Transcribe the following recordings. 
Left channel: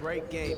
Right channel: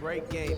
Great game.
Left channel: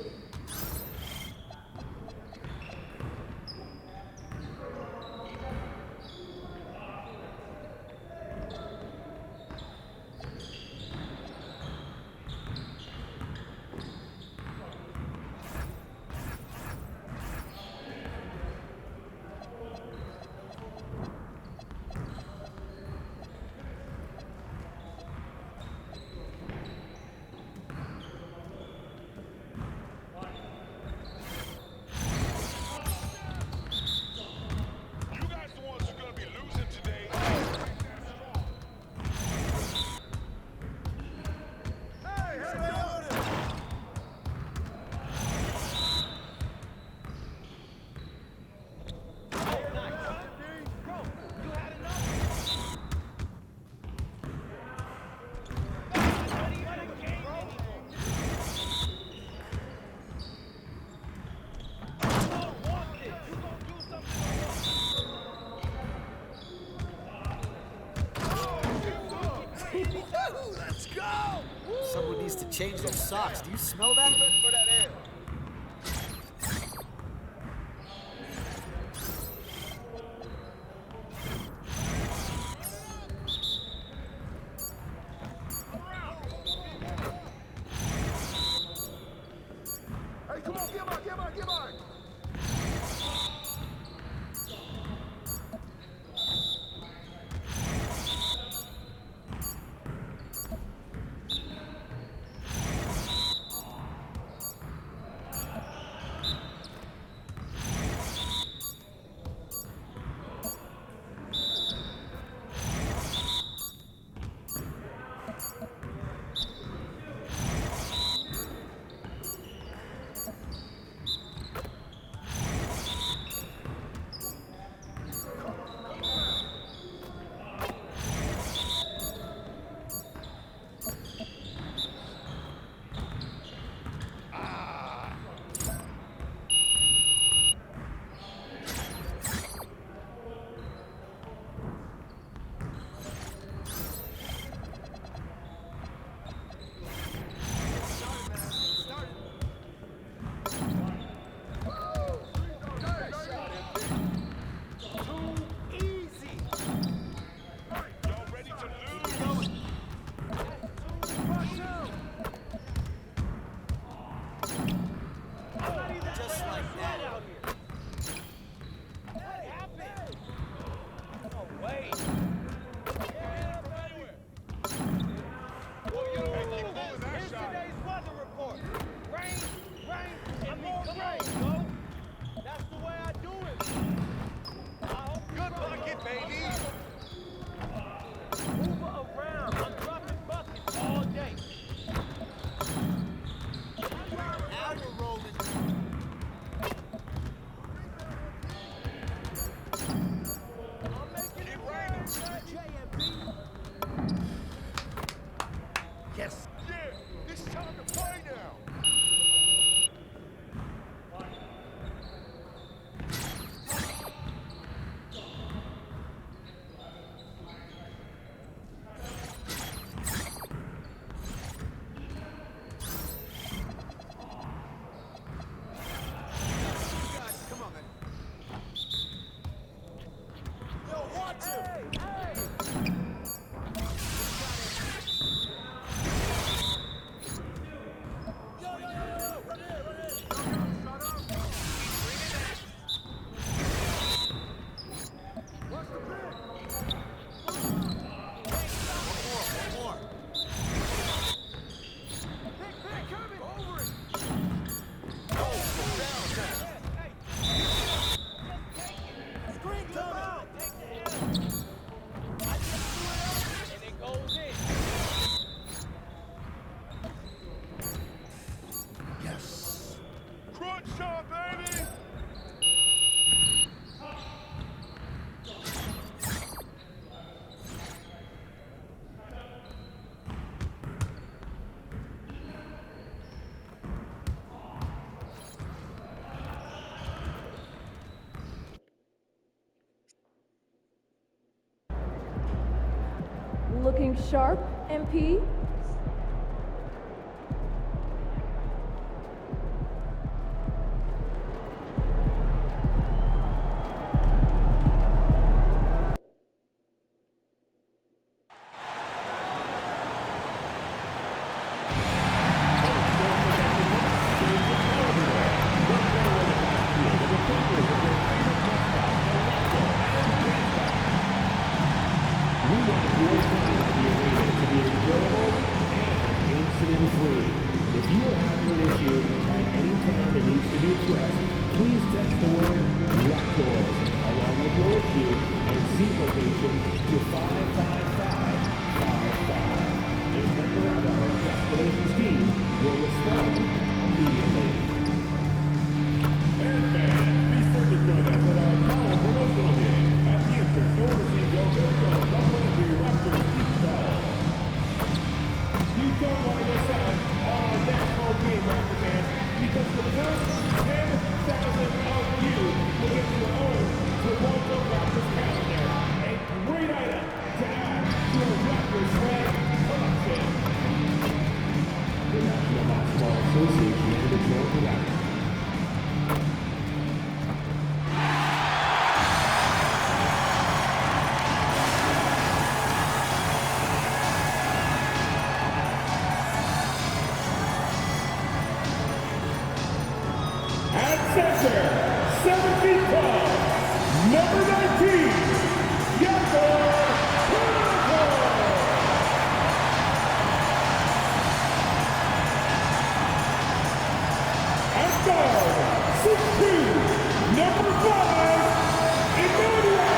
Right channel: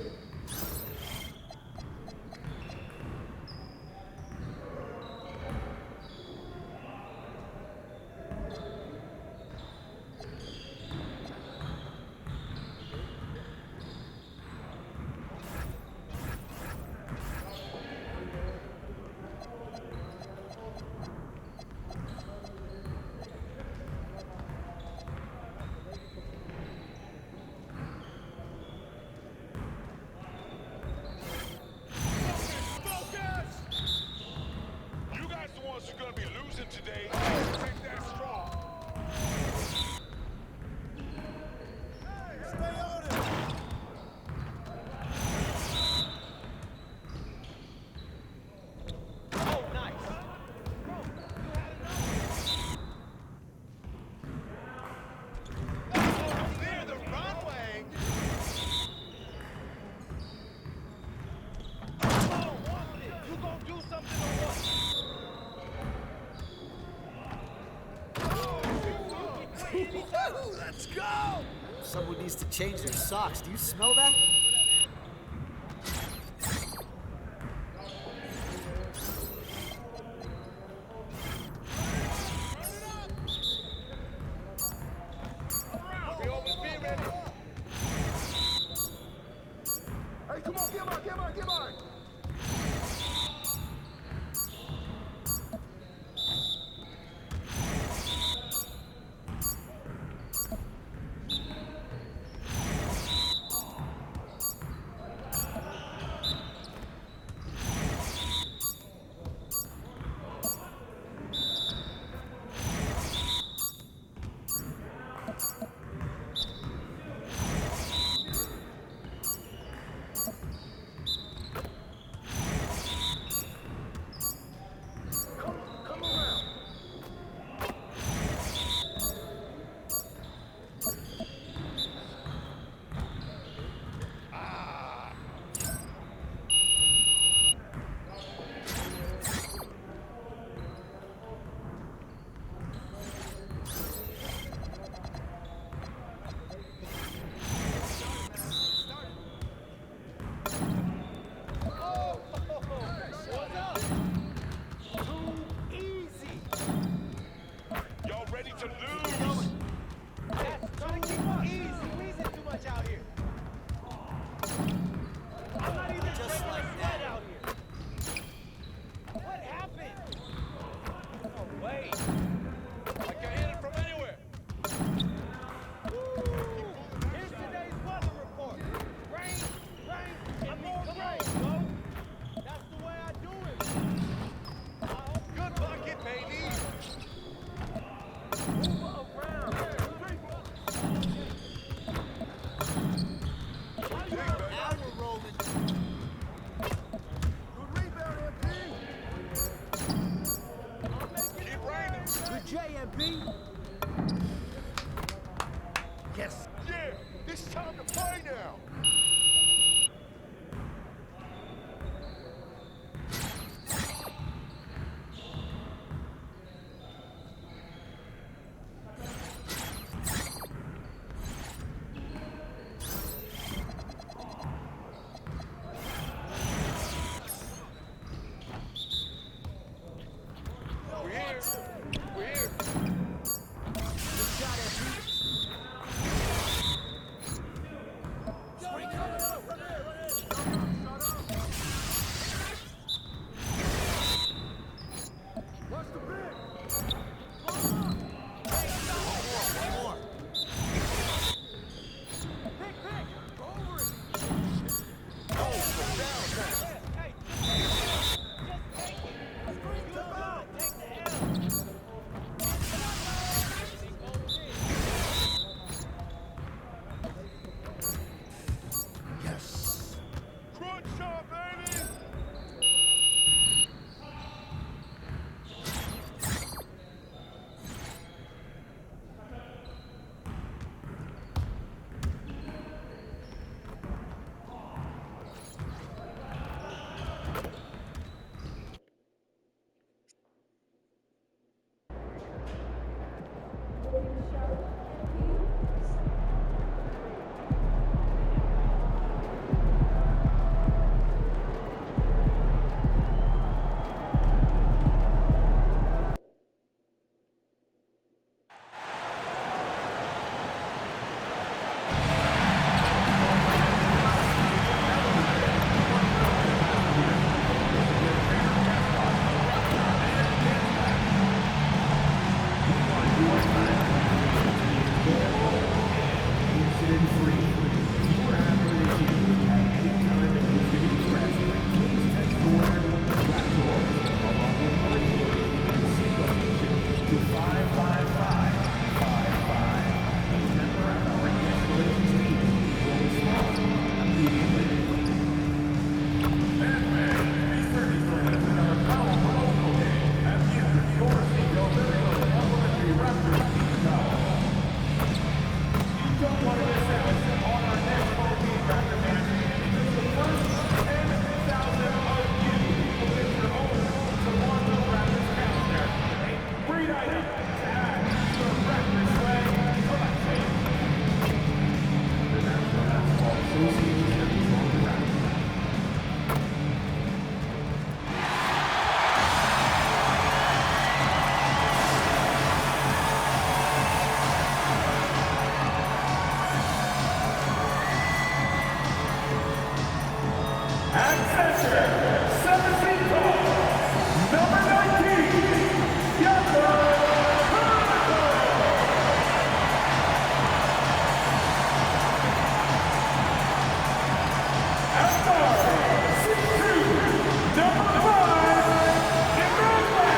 Let's go! Someone needs to change their socks. Do you smell that? Hey, come on, get mine! Yes! Yeah! It's time to play now! Crunch time, baby! Looking sharp, MP? free. If you are having an issue at any time that needs to be addressed, please text the word Raptors along with your issue and seat location to 55555. A member of our guest relations team will respond immediately. Be sure to join us at our Powell promotional day at the Secure Seagull Virtual Complimentary Raptors Beach Towel. You don't want to miss out on our next home game, Raptor fans, because the first 10,000 of you will get your own Toronto Raptors calendar, a great item to add to your Raptors swag collection. The National Basketball Association and the Toronto Raptors. At center, 7 feet tall, number 19, Jakob Poeltl. At guard, 6'2", number 5, Emmanuel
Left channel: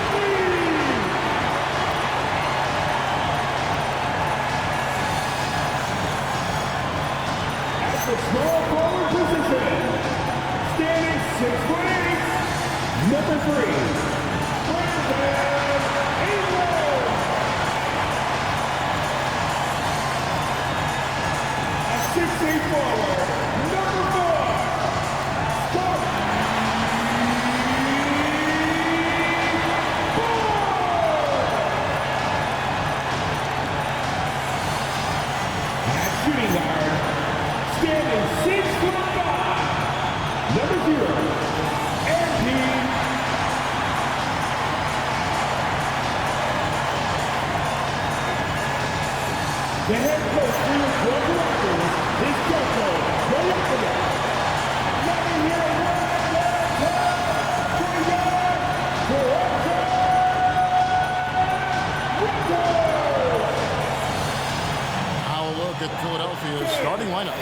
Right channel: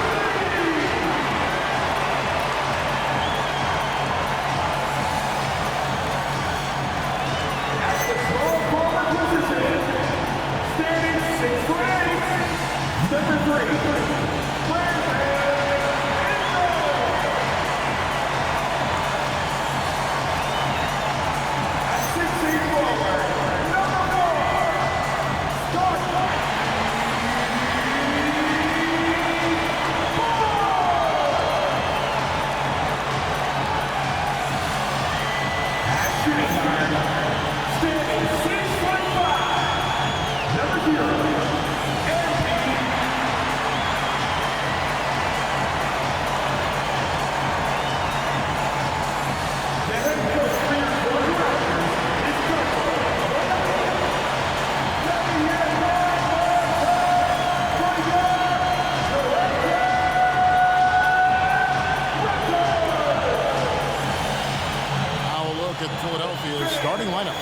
Quickley. At the small forward position, standing 6'8", number 3, Brandon Ingram. At 6'8" forward, number 4, Scott Boyd. At shooting guard, standing 6'5", number 0, MP. The head coach for your Georgia Raptors is Joko Boyakaya. Let me hear one more time for your Toronto Raptors! Now a look at Philadelphia's starting lineup.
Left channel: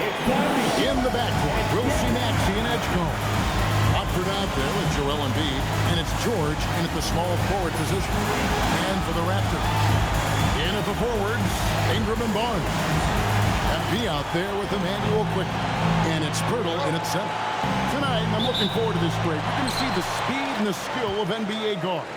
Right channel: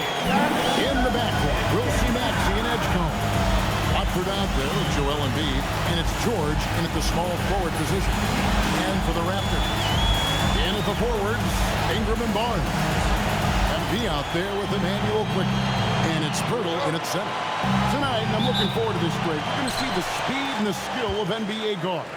In the backcourt, we'll see Maxey and Edgecombe. Watford out there with Joel Embiid, and it's George in at the small forward position. And for the Raptors, in at the forwards, Ingram and Barnes. MP out there with Emmanuel Quickley, and it's Poeltl in at center. Tonight, I'm looking forward to this break. We're going to see the speed and the skill of NBA guards.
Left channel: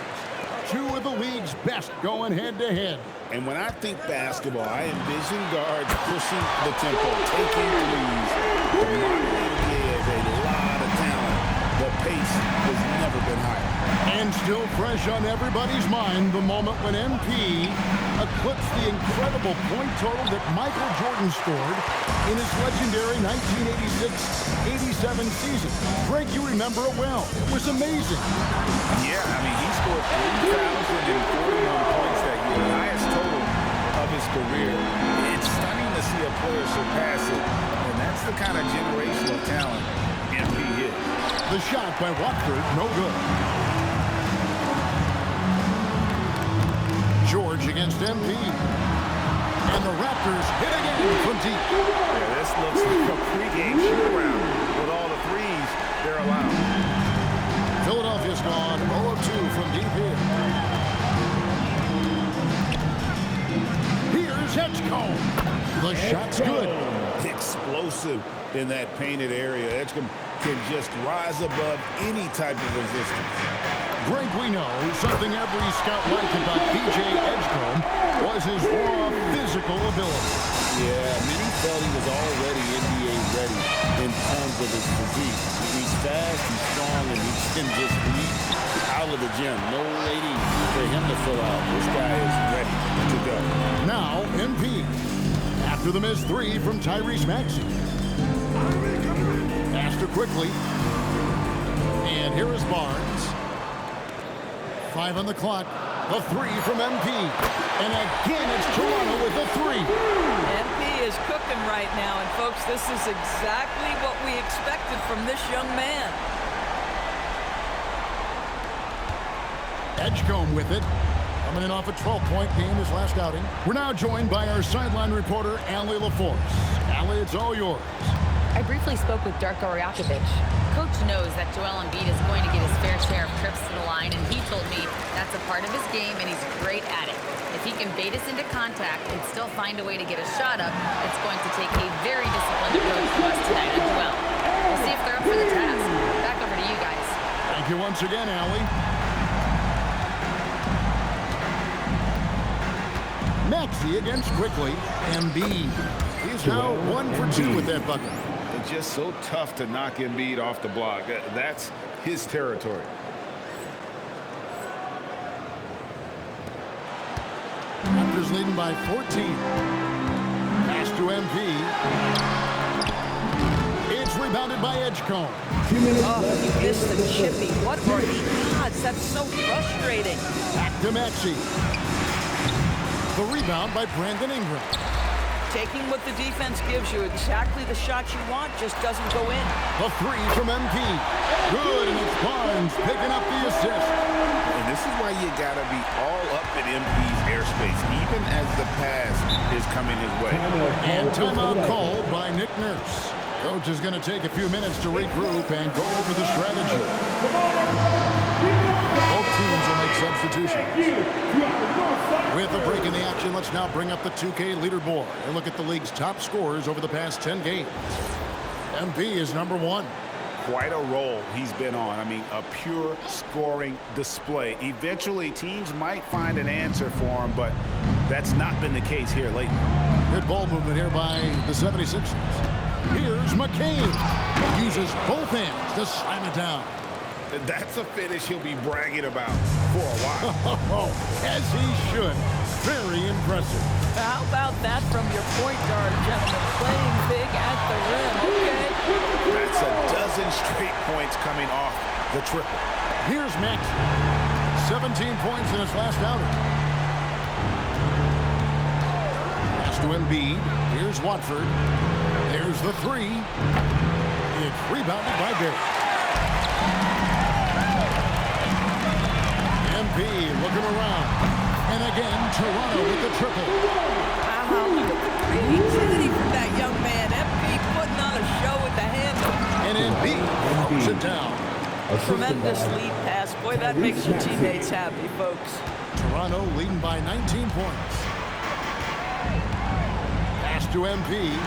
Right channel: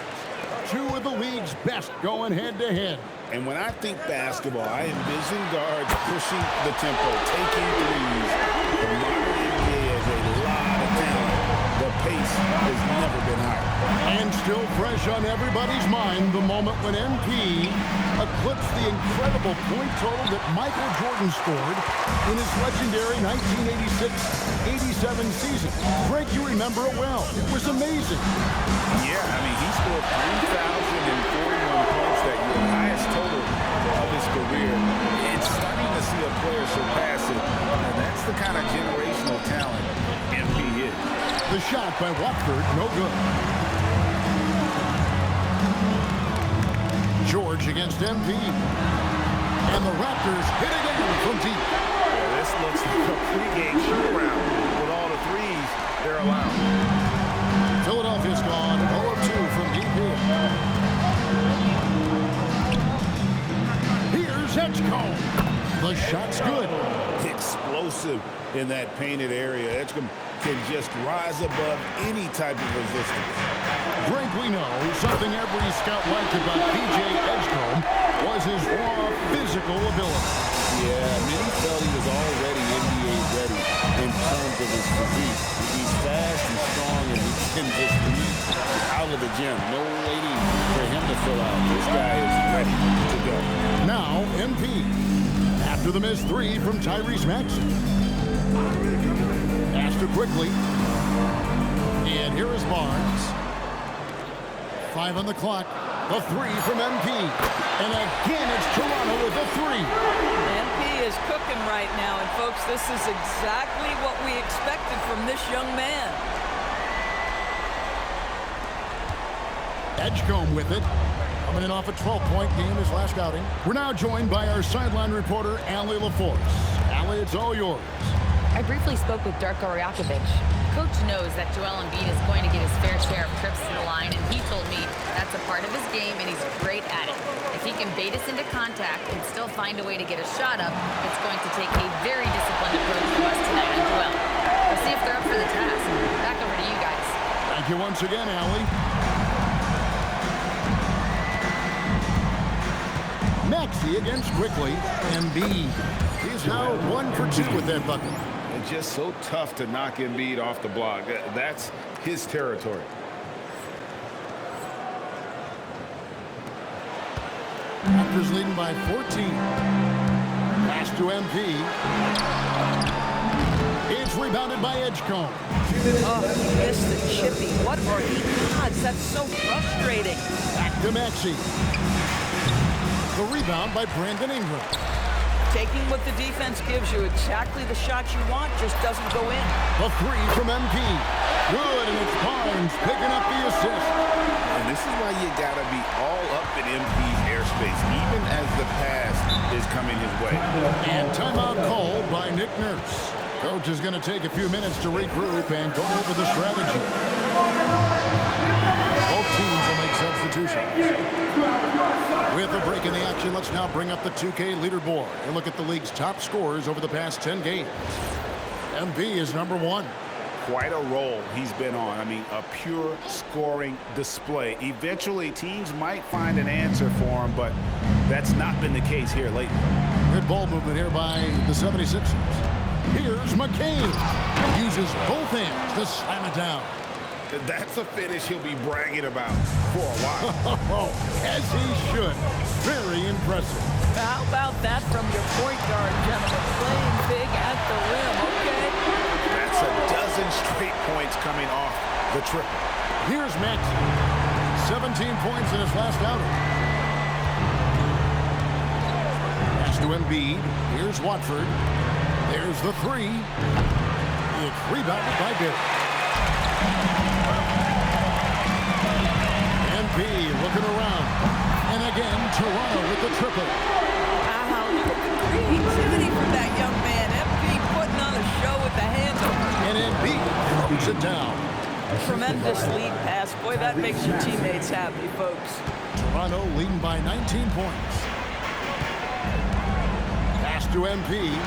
Two of the league's best going head-to-head. And when I think basketball, I envision guards pushing the tempo, taking threes. The modern NBA has a lot of talent. The pace has never been higher. And still fresh on everybody's mind, the moment when MP eclipsed the incredible point total that Michael Jordan scored in his legendary 1986-87 season. Frank, you remember it well. It was amazing. Yeah, I mean, he scored 3,041 points that year, the highest total of his career. It's stunning to see a player surpass it, and that's the kind of generational talent MP is. The shot by Watford, no good. George against MP. And the Raptors hit again from deep. Yeah, this looks like a pregame shoot-around with all the threes they're allowed. Philadelphia's gone 0 of 2 from deep here. Here's Edgecombe. The shot's good. Explosive in that painted area. Edgecombe can just rise above any type of resistance. Greg, we know something every scout liked about B.J. Edgecombe was his raw physical ability. Yeah, many felt he was already NBA ready in terms of his physique. He's fast, he's strong, and he can just leap out of the gym. No waiting for him to fill out. This guy is ready to go. Now, MP. After the missed three from Tyrese Maxey. Astor quickly. And here is Barnes. 5 on the clock. The three from MP. And again, it's Toronto with the three. MP is cooking right now. And, folks, this is exactly what we expected from this young man. Edgecombe with it. Coming in off a 12-point game his last outing. We're now joined by our sideline reporter, Allie LaForce. Allie, it's all yours. I briefly spoke with Darko Rajakovic. Coach knows that Joel Embiid is going to get his fair share of trips to the line, and he told me that's a part of his game, and he's great at it. If he can bait us into contact and still find a way to get a shot up, it's going to take a very disciplined approach from us tonight on Joel. We'll see if they're up for the task. Back over to you guys. Thank you once again, Allie. Maxey against quickly. Embiid. He's now 1 for 2 with that bucket. It's just so tough to knock Embiid off the block. That's his territory. Raptors leading by 14. Pass to MP. It's rebounded by Edgecombe. Oh, he missed the chippy. What are the odds? That's so frustrating. Back to Maxey. The rebound by Brandon Ingram. Taking what the defense gives you, exactly the shot you want, just doesn't go in. The 3 from MP. Good, and it's Barnes picking up the assist. And this is why you got to be all up in MP's airspace, even as the pass is coming his way. And timeout called by Nick Nurse. Coach is going to take a few minutes to regroup and go over the strategy. Both teams will make substitutions. With a break in the action, let's now bring up the 2K leaderboard and look at the league's top scorers over the past 10 games. MP is number 1. Quite a roll he's been on. I mean, a pure scoring display. Eventually, teams might find an answer for him, but that's not been the case here lately. Good ball movement here by the 76ers. Here's McCain. Uses both hands to slam it down. That's a finish he'll be bragging about for a while. As he should. Very impressive. How about that from your point guard, gentlemen? Playing big at the rim, okay? That's a dozen straight points coming off the triple. Here's Max. 17 points in his last outing. Pass to Embiid. Here's Watford. There's the 3. It's rebounded by Barrett. MP looking around. And again, Toronto with the triple. Wow, look at the creativity from that young man. MP putting on a show with the handle. And Embiid throws it down. Tremendous lead pass. Boy, that makes your teammates happy, folks. Toronto leading by 19 points. Pass to MP.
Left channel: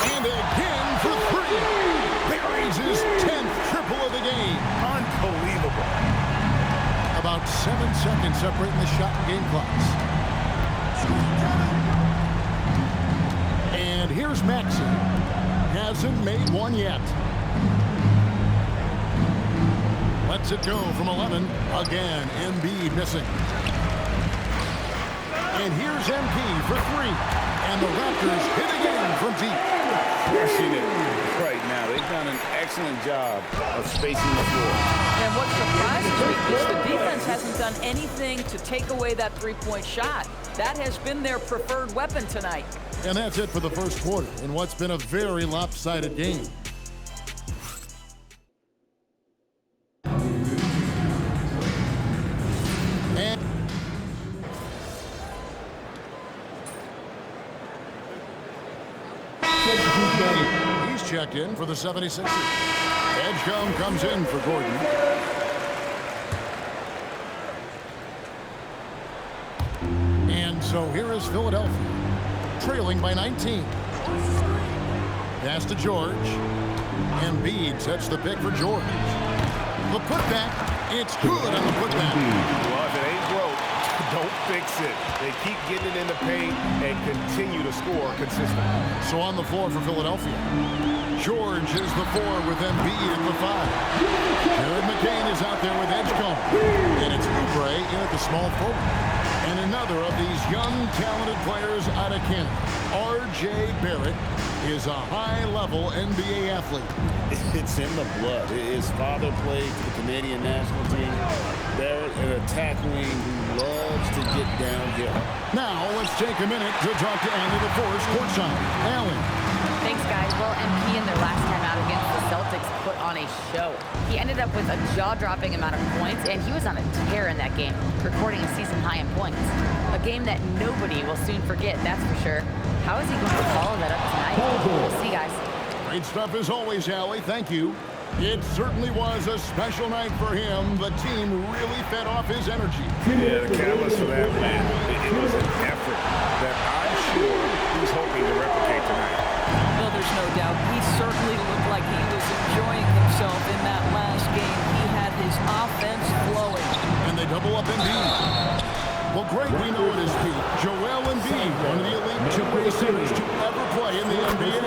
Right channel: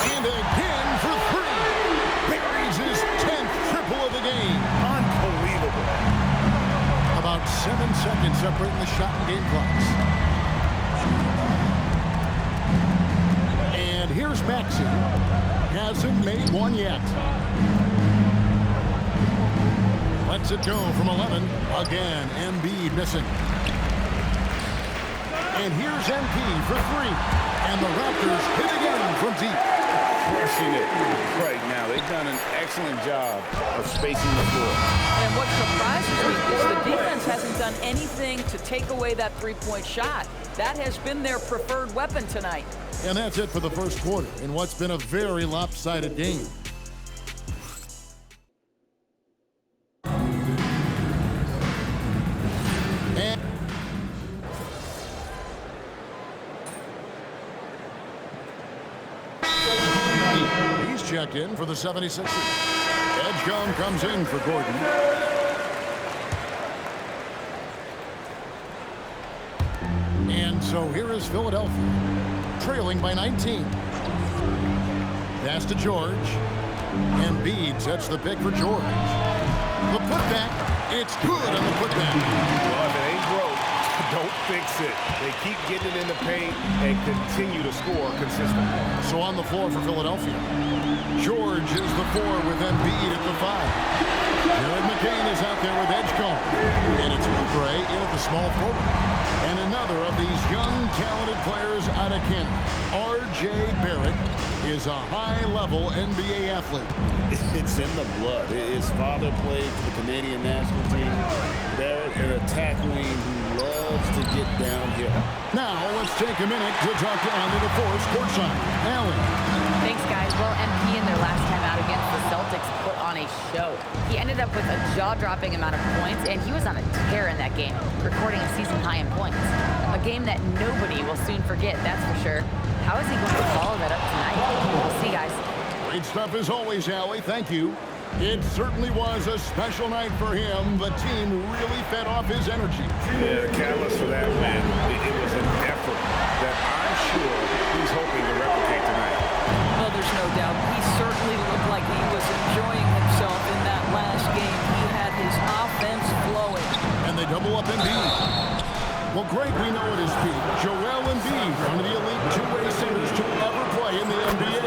And again for 3. Buries his 10th triple of the game. Unbelievable. About 7 seconds separating the shot and game clocks. And here's Maxey. Hasn't made one yet. Lets it go from 11. Again, Embiid missing. And here's MP for 3. And the Raptors hit again from deep. Crushing it right now. They've done an excellent job of spacing the floor. And what surprises me is the defense hasn't done anything to take away that three-point shot. That has been their preferred weapon tonight. And that's it for the first quarter in what's been a very lopsided game. And he's checked in for the 76ers. Edgecombe comes in for Gordon. And so here is Philadelphia, trailing by 19. Pass to George. Embiid sets the pick for George. The putback, it's good on the putback. Well, if it ain't broke, don't fix it. They keep getting it in the paint and continue to score consistently. So on the floor for Philadelphia, George is the 4 with Embiid at the 5. Jared McCain is out there with Edgecombe. And it's Oubre in at the small forward. And another of these young, talented players out of Canada, R.J. Barrett, is a high-level NBA athlete. It's in the blood. His father played for the Canadian national team. Barrett, an attack wing who loves to get downhill. Now, let's take a minute to talk to Allie LaForce courtside. Allie. Thanks, guys. Well, MP in their last time out against the Celtics put on a show. He ended up with a jaw-dropping amount of points, and he was on a tear in that game, recording a season high in points. A game that nobody will soon forget, that's for sure. How is he going to follow that up tonight? We'll see, guys. Great stuff as always, Allie. Thank you. It certainly was a special night for him. The team really fed off his energy. Yeah, the catalyst for that win, it was an effort that I'm sure he's hoping to replicate tonight. Well, there's no doubt. He certainly looked like he was enjoying himself in that last game. He had his offense flowing. And they double up Embiid. Well, Greg, we know at his peak, Joel Embiid, one of the elite two-way centers to ever play in the NBA.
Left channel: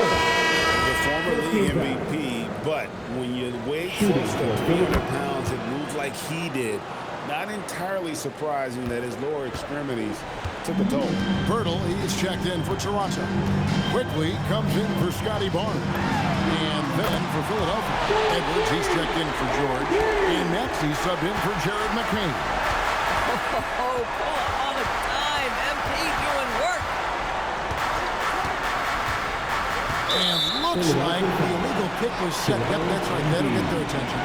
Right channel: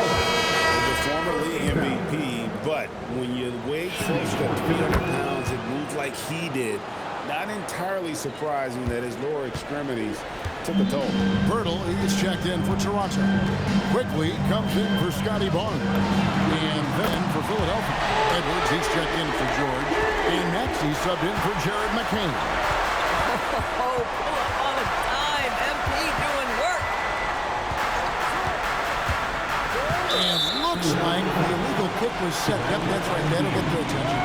The former league MVP, but when you weigh close to 300 pounds, it moves like he did. Not entirely surprising that his lower extremities took a toll. Pirtle, he's checked in for Toronto. Quickly comes in for Scotty Barnes. And then for Philadelphia, Edwards, he's checked in for George. And Maxey subbed in for Jared McCain. Oh, pull up on a dime. MP doing work. And looks like the illegal kick was set. Yep, that's right. That'll get their attention.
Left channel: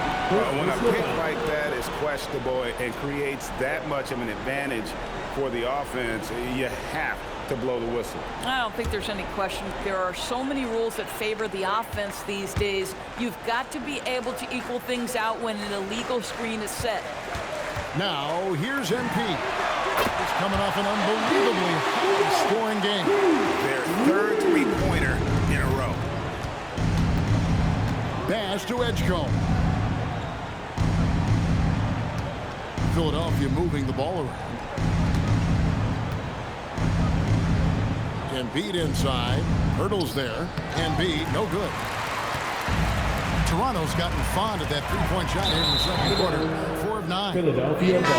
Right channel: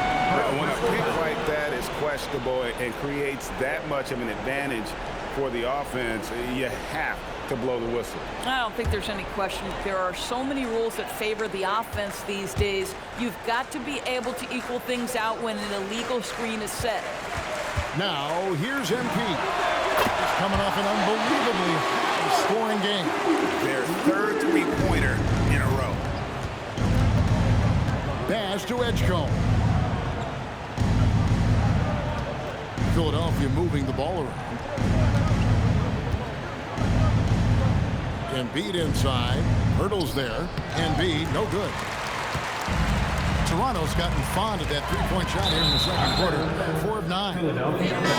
When a pick like that is questionable and creates that much of an advantage for the offense, you have to blow the whistle. I don't think there's any question. There are so many rules that favor the offense these days. You've got to be able to equal things out when an illegal screen is set. Now, here's MP. He's coming off an unbelievably high-scoring game. Their third three-pointer in a row. Pass to Edgecombe. Philadelphia moving the ball around. Embiid inside. Hurdles there. Embiid, no good. Toronto's gotten fond of that three-point shot here in the second quarter. 4 of 9. And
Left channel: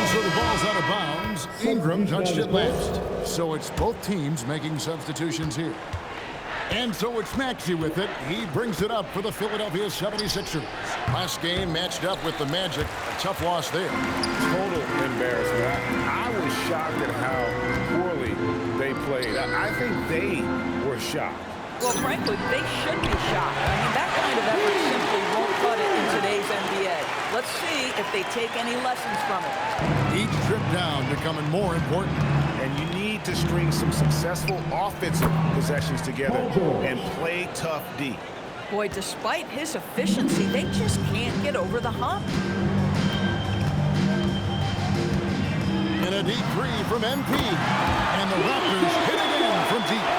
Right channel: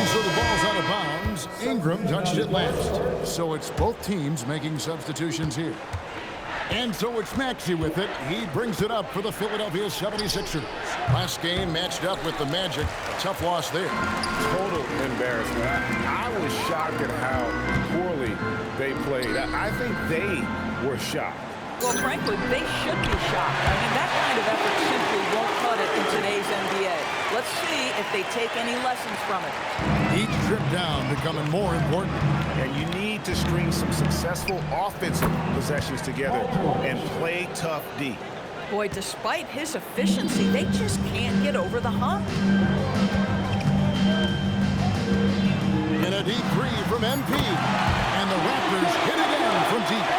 so the ball's out of bounds. Ingram touched it last. So it's both teams making substitutions here. And so it's Maxey with it. He brings it up for the Philadelphia 76ers. Last game matched up with the Magic. A tough loss there. Total embarrassment. I was shocked at how poorly they played. I think they were shocked. Well, frankly, they should be shocked. I mean, that kind of effort simply won't cut it in today's NBA. Let's see if they take any lessons from it. Each trip down becoming more important. And you need to string some successful offensive possessions together and play tough D. Boy, despite his efficiency, they just can't get over the hump. And a deep three from MP. And the Raptors hit again from deep.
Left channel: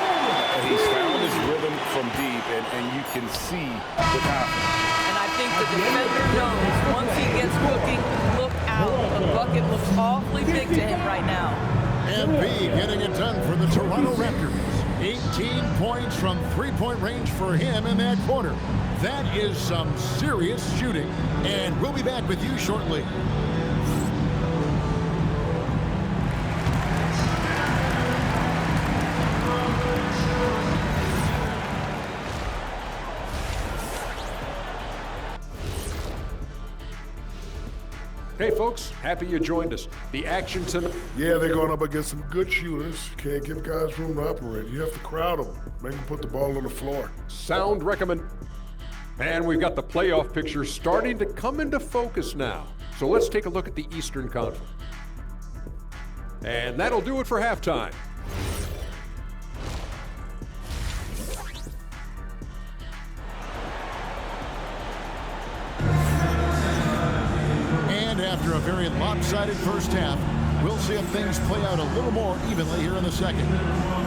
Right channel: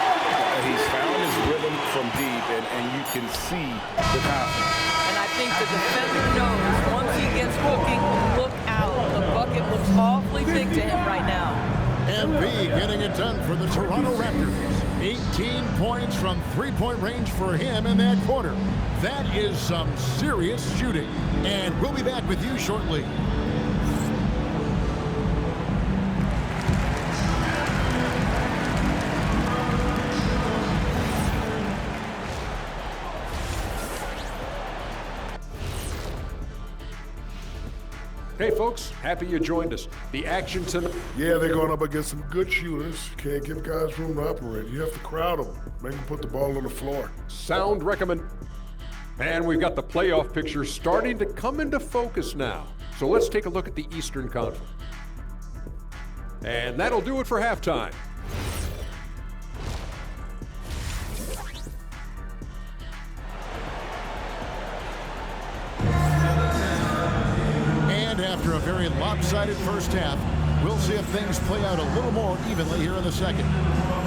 He's found his rhythm from deep, and you can see the confidence. And I think the defender knows once he gets cooking, look out. The bucket looks awfully big to him right now. MP getting it done for the Toronto Raptors. 18 points from three-point range for him in that quarter. That is some serious shooting. And we'll be back with you shortly. Hey folks, happy you joined us. The action tonight. Yeah, they're going up against some good shooters. Can't give guys room to operate. You have to crowd them. Make them put the ball on the floor. Sound recommend. And we've got the playoff picture starting to come into focus now. So let's take a look at the Eastern Conference. And that'll do it for halftime. And after a very lopsided first half, we'll see if things play out a little more evenly here in the second.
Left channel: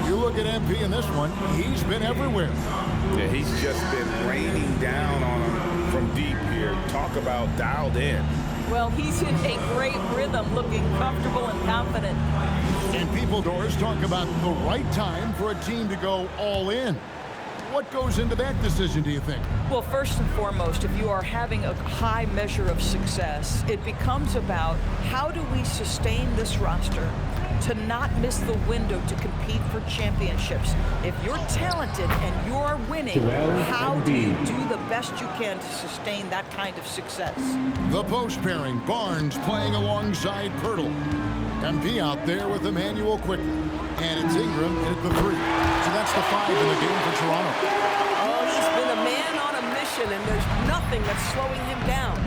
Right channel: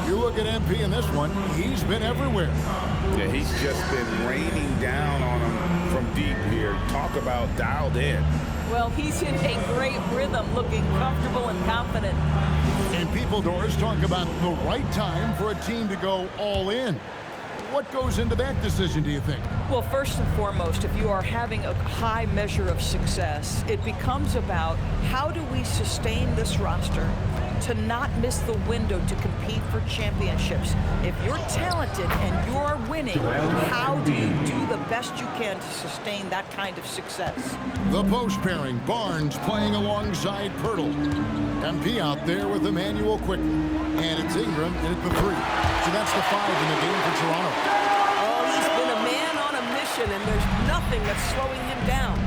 You look at MP in this one, he's been everywhere. Yeah, he's just been raining down on him from deep here. Talk about dialed in. Well, he's in a great rhythm, looking comfortable and confident. And people, Doris, talk about the right time for a team to go all in. What goes into that decision, do you think? Well, first and foremost, if you are having a high measure of success, it becomes about how do we sustain this roster to not miss the window to compete for championships. If you're talented and you're winning, how do you do the best you can to sustain that kind of success? The post pairing, Barnes playing alongside Pirtle. MP out there with Emmanuel Quickly. And it's Ingram in at the 3. So that's the 5 in the game for Toronto. Oh, position, and there's nothing that's slowing him down.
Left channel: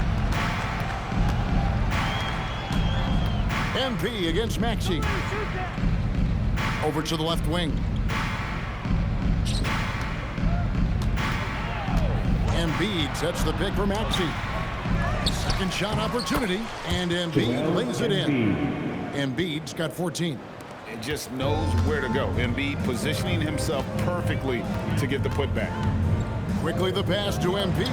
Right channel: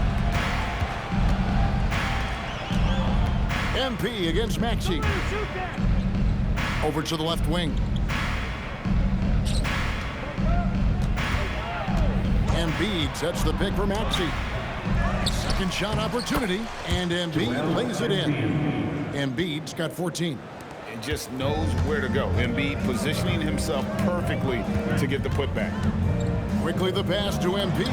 MP against Maxey. Over to the left wing. Embiid sets the pick for Maxey. Second shot opportunity, and Embiid lays it in. Embiid's got 14. And just knows where to go. Embiid positioning himself perfectly to get the putback. Quickly the pass to Embiid.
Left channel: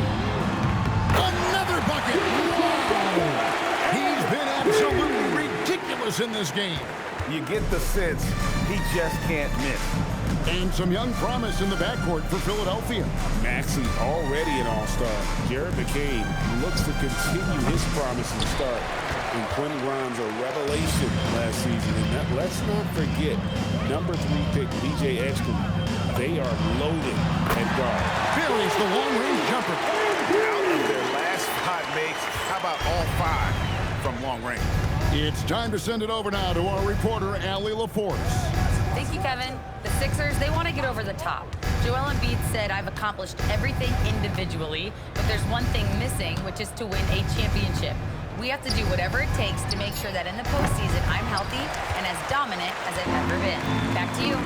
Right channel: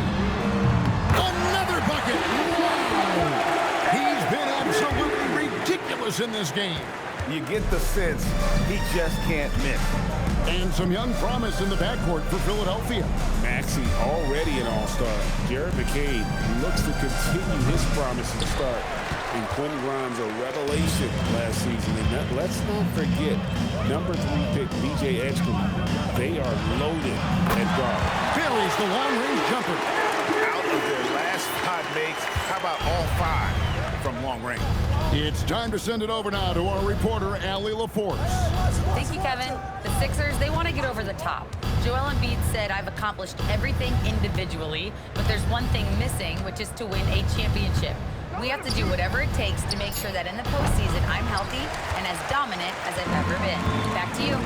Another bucket! Wow! He's been absolutely ridiculous in this game. You get the sense he just can't miss. And some young promise in the backcourt for Philadelphia. Maxey already an all-star. Jared McCain looks to continue his promising start. And Quentin Grimes a revelation last season. And let's not forget, number 3 pick B.J. Edgecombe. They are loaded at guard. Buries the long-range jumper. Out of their last 5 makes, how about all 5 from long range? It's time to send it over now to our reporter, Allie LaForce. Thank you, Kevin. The Sixers, they want to get over the top. Joel Embiid said, I've accomplished everything individually, but there's one thing missing, which is to win a championship. We have to do whatever it takes to make sure that in the postseason, I'm healthy and as dominant as I've ever been. Back to you.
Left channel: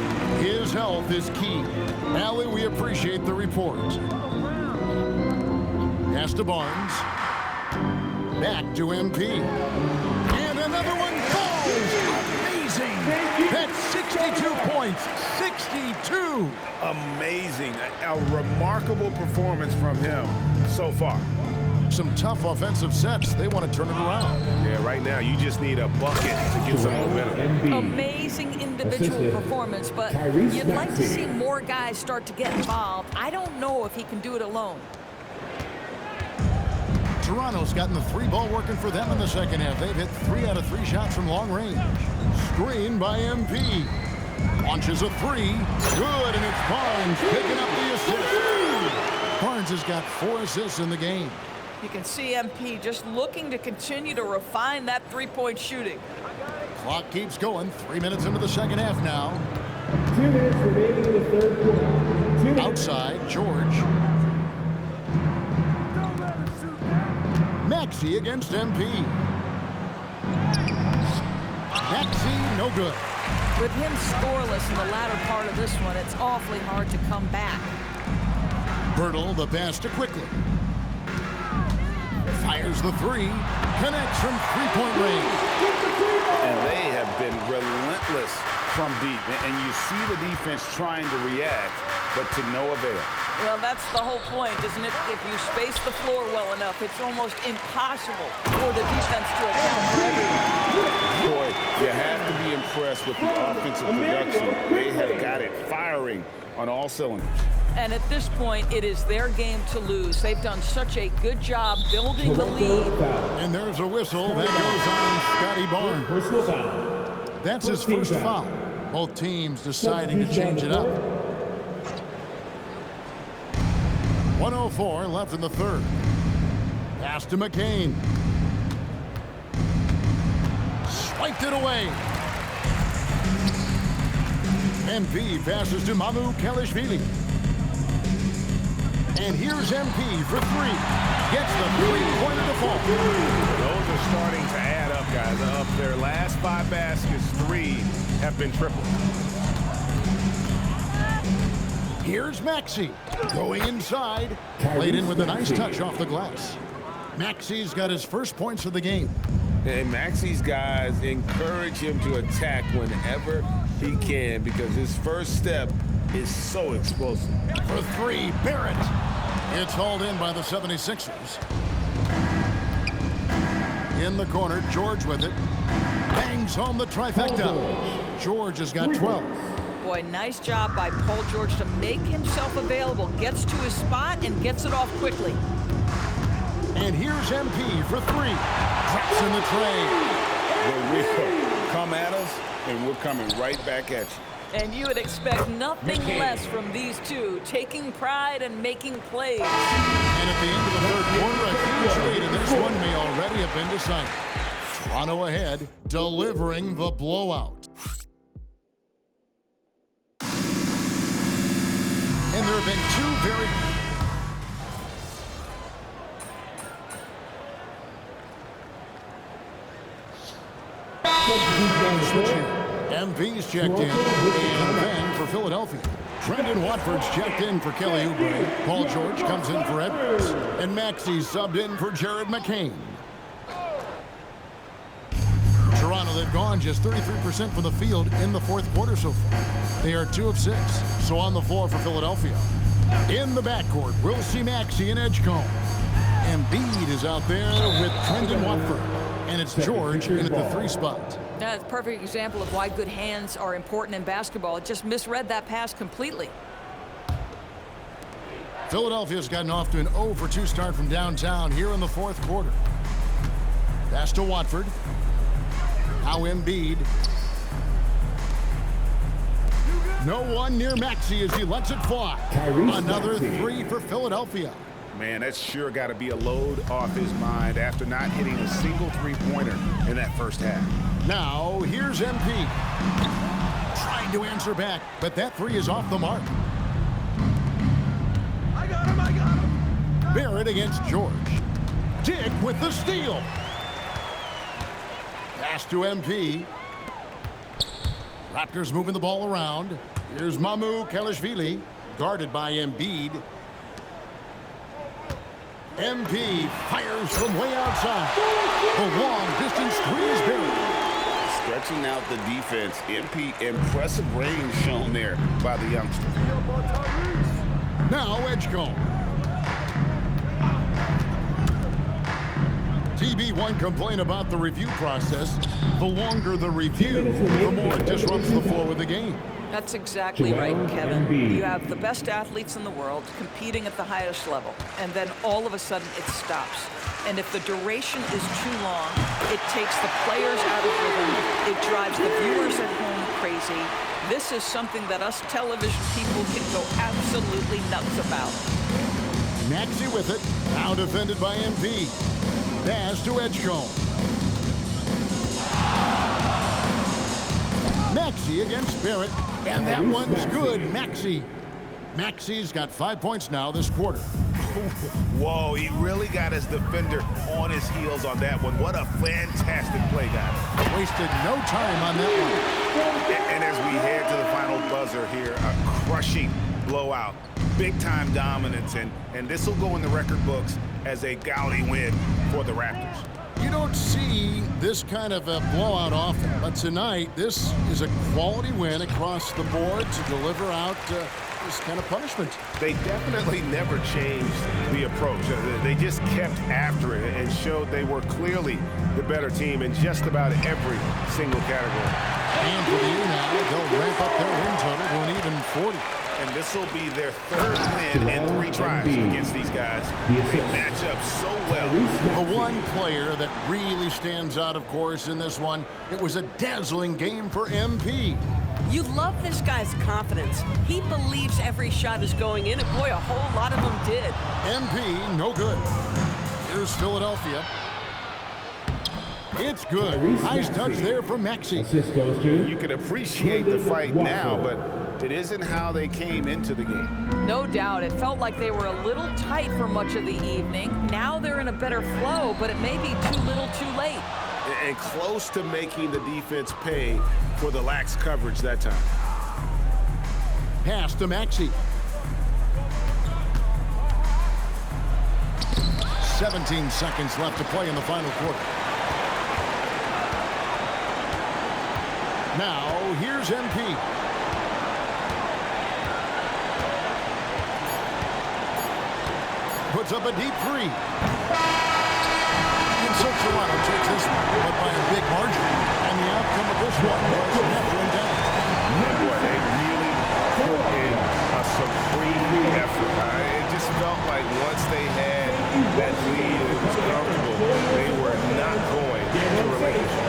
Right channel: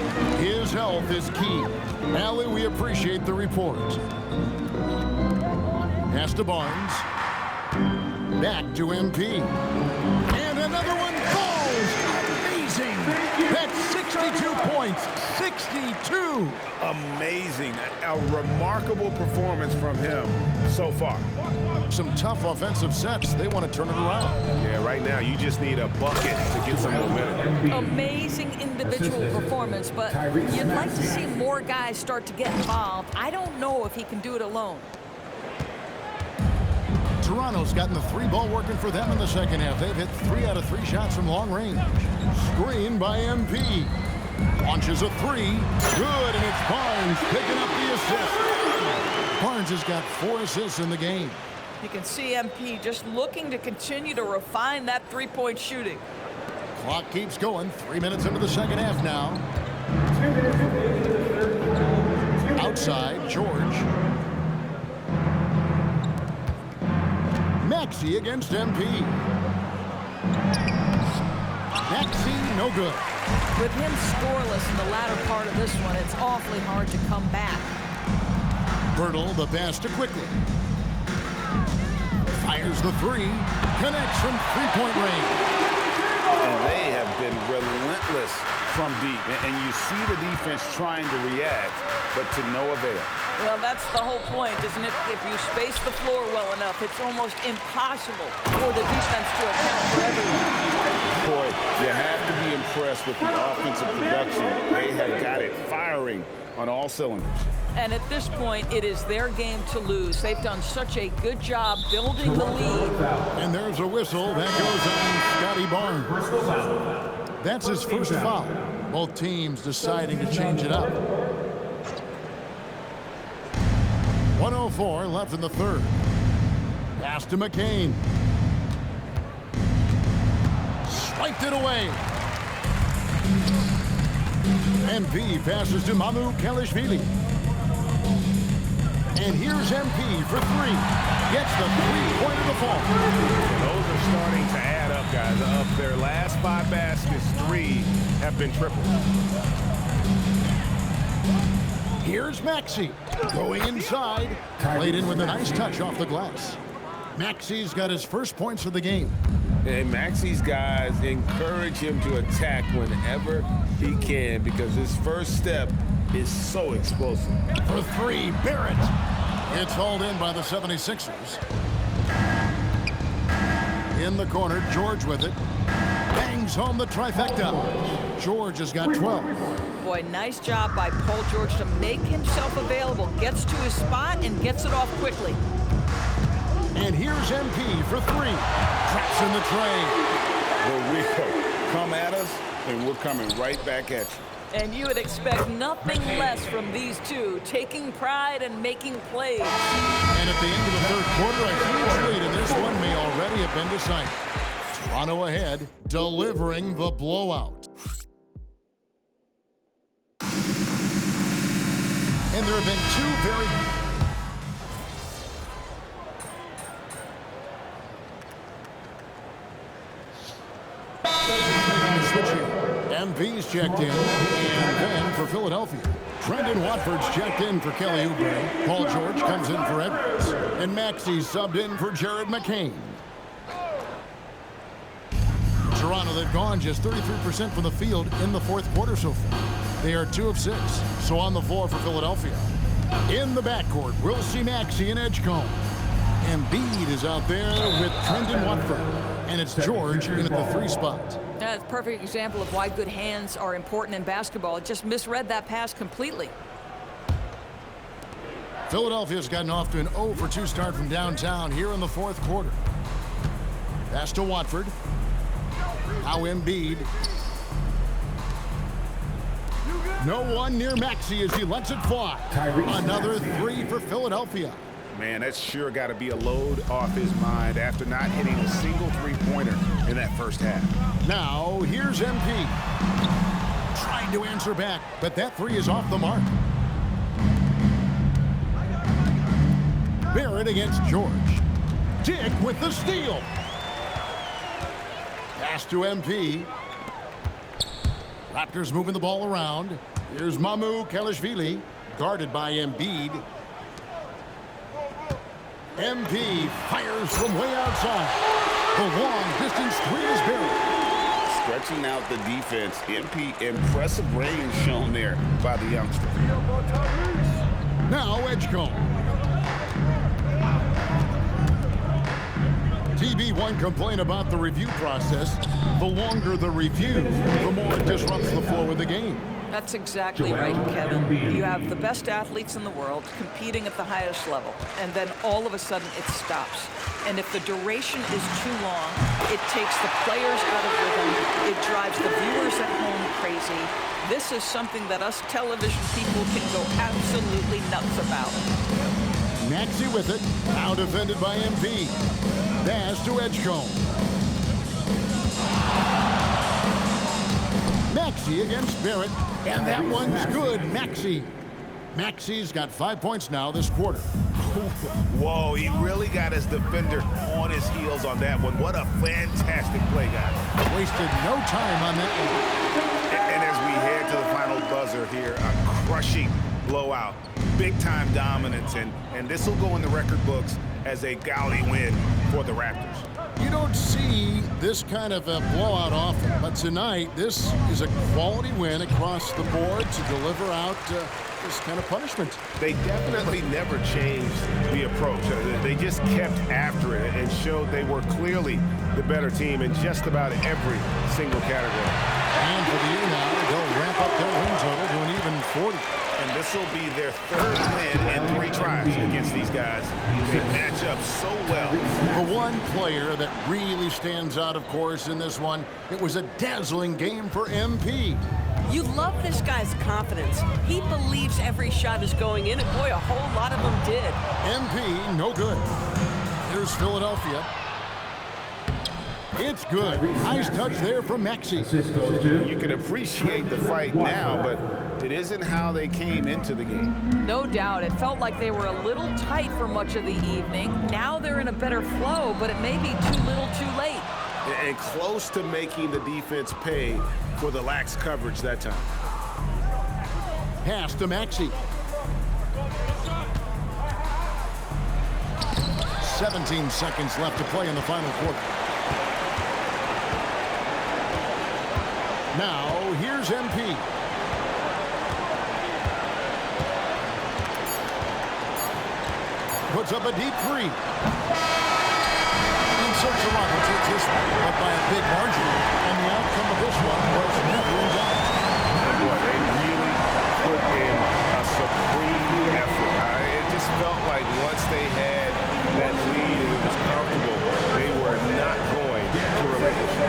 His health is key. Allie, we appreciate the report. Pass to Barnes. Back to MP. And another one falls. Amazing. That's 62 points. 62. Amazing. A remarkable performance from him so far. Some tough offensive sets. They want to turn it around. Yeah, right now you just need a bucket to get some momentum. Amazing individual performance, but you'd like to see more guys start to get involved. I don't know if he can do it alone. Toronto's gotten the 3-ball working for them in the second half. They've hit 3 out of 3 shots from long range. Screen by MP. Launches a 3. Good, and it's Barnes picking up the assist. Barnes has got 4 assists in the game. You can see MP just looking to continue to refine that three-point shooting. Clock keeps going. 3 minutes into the second half now. 2 minutes remaining in the third quarter. Outside, George. Maxey against MP. Maxey, no good. With him scoreless in the latter part of this one, it's awfully hard to come back. Bertle, the pass to Quickly. Fires the 3. Connects from three-point range. And they have been relentless from deep. And you see the defense trying to react, but to no avail. Well, that's the whole point, isn't it? If you space the floor well enough, it's almost impossible for the defense to account for everyone. Boy, you have to be impressed with the offensive production. They have got it firing on all cylinders. And at this point, it is their game to lose. They've done such a good job building the lead. And there's a whistle that goes on Scotty Barnes. Personal foul. That's his first foul. Both teams deciding to change it up. 1:04 left in the third. Pass to McCain. Swiped it away. MP passes to Mamu Kelishvili. And here's MP for 3. Gets the three-pointer to fall. Those are starting to add up, guys. Of their last 5 baskets, 3 have been triple. Here's Maxey going inside. Played in with a nice touch off the glass. Maxey's got his first points of the game. And Maxey's guys encourage him to attack whenever he can because his first step is so explosive. For 3, Barrett. It's hauled in by the 76ers. In the corner, George with it. Bangs home the trifecta. George has got 12. Boy, nice job by Paul George to make himself available. Gets to his spot and gets it off quickly. And here's MP for 3. Drops in the tray. The real come at us, and we're coming right back at you. And you would expect nothing less from these two, taking pride and making plays. And at the end of the third quarter, a huge lead, and this one may already have been decided. Toronto ahead, delivering the blowout. And there have been 2 very... MP's checked in, and then for Philadelphia, Trendon Watford's checked in for Kelly Oubre. Paul George comes in for Edwards, and Maxey's subbed in for Jared McCain. Toronto, they've gone just 33% from the field in the fourth quarter so far. They are 2 of 6. So on the floor for Philadelphia. In the backcourt, we'll see Maxey and Edgecombe. Embiid is out there with Trendon Watford. And it's George in at the 3 spot. That's a perfect example of why good hands are important in basketball. It just misread that pass completely. Philadelphia's gotten off to an 0 for 2 start from downtown here in the fourth quarter. Pass to Watford. Now Embiid. No one near Maxey as he lets it fly. Another 3 for Philadelphia. Man, that's sure got to be a load off his mind after not hitting a single three-pointer in that first half. Now, here's MP. Trying to answer back, but that 3 is off the mark. I got him. Barrett against George. Dick with the steal. Pass to MP. Raptors moving the ball around. Here's Mamu Kelishvili, guarded by Embiid. MP fires from way outside. The long-distance 3 is buried. Stretching out the defense. MP, impressive range shown there by the youngster. Now Edgecombe. TB1 complain about the review process. The longer the review, the more it disrupts the flow of the game. That's exactly right, Kevin. You have the best athletes in the world competing at the highest level, and then all of a sudden it stops. And if the duration is too long, it takes the players out of rhythm. It drives the viewers at home crazy. This is something that us television people can go absolutely nuts about. Maxey with it. Now defended by MP. Pass to Edgecombe. Maxey against Barrett. And that one's good. Maxey's got 5 points now this quarter. Whoa, he really got his defender on his heels on that one. What a fantastic play, guys. Wasted no time on that one. And as we head to the final buzzer here, a crushing blowout, big-time dominance, and this will go in the record books as a gaudy win for the Raptors. You don't see this kind of a blowout often, but tonight this is a quality win across the board to deliver out this kind of punishment. They definitely never changed the approach. They just kept after it and showed they were clearly the better team in just about every single category. And for the year now, they'll ramp up their win total to an even 40. And this will be their 3rd win in 3 tries against these guys. They match up so well. The one player that really stands out, of course, in this one, it was a dazzling game for MP. You love this guy's confidence. He believes every shot is going in, and boy, a whole lot of them did. MP, no good. Here's Philadelphia. It's good. Nice touch there from Maxey. You can appreciate the fight now, but it isn't how they came into the game. No doubt. It felt like they were a little tight for much of the evening. Now they're in a better flow, but it may be too little too late. And close to making the defense pay for the lax coverage that time. Pass to Maxey. 17 seconds left to play in the final quarter. Now, here's MP. Puts up a deep 3. And so Toronto takes this one, but by a big margin. And the outcome of this one was never in doubt. And boy, they really put in a supreme effort. It just felt like once they had that lead and it was comfortable, they were not going to relinquish it.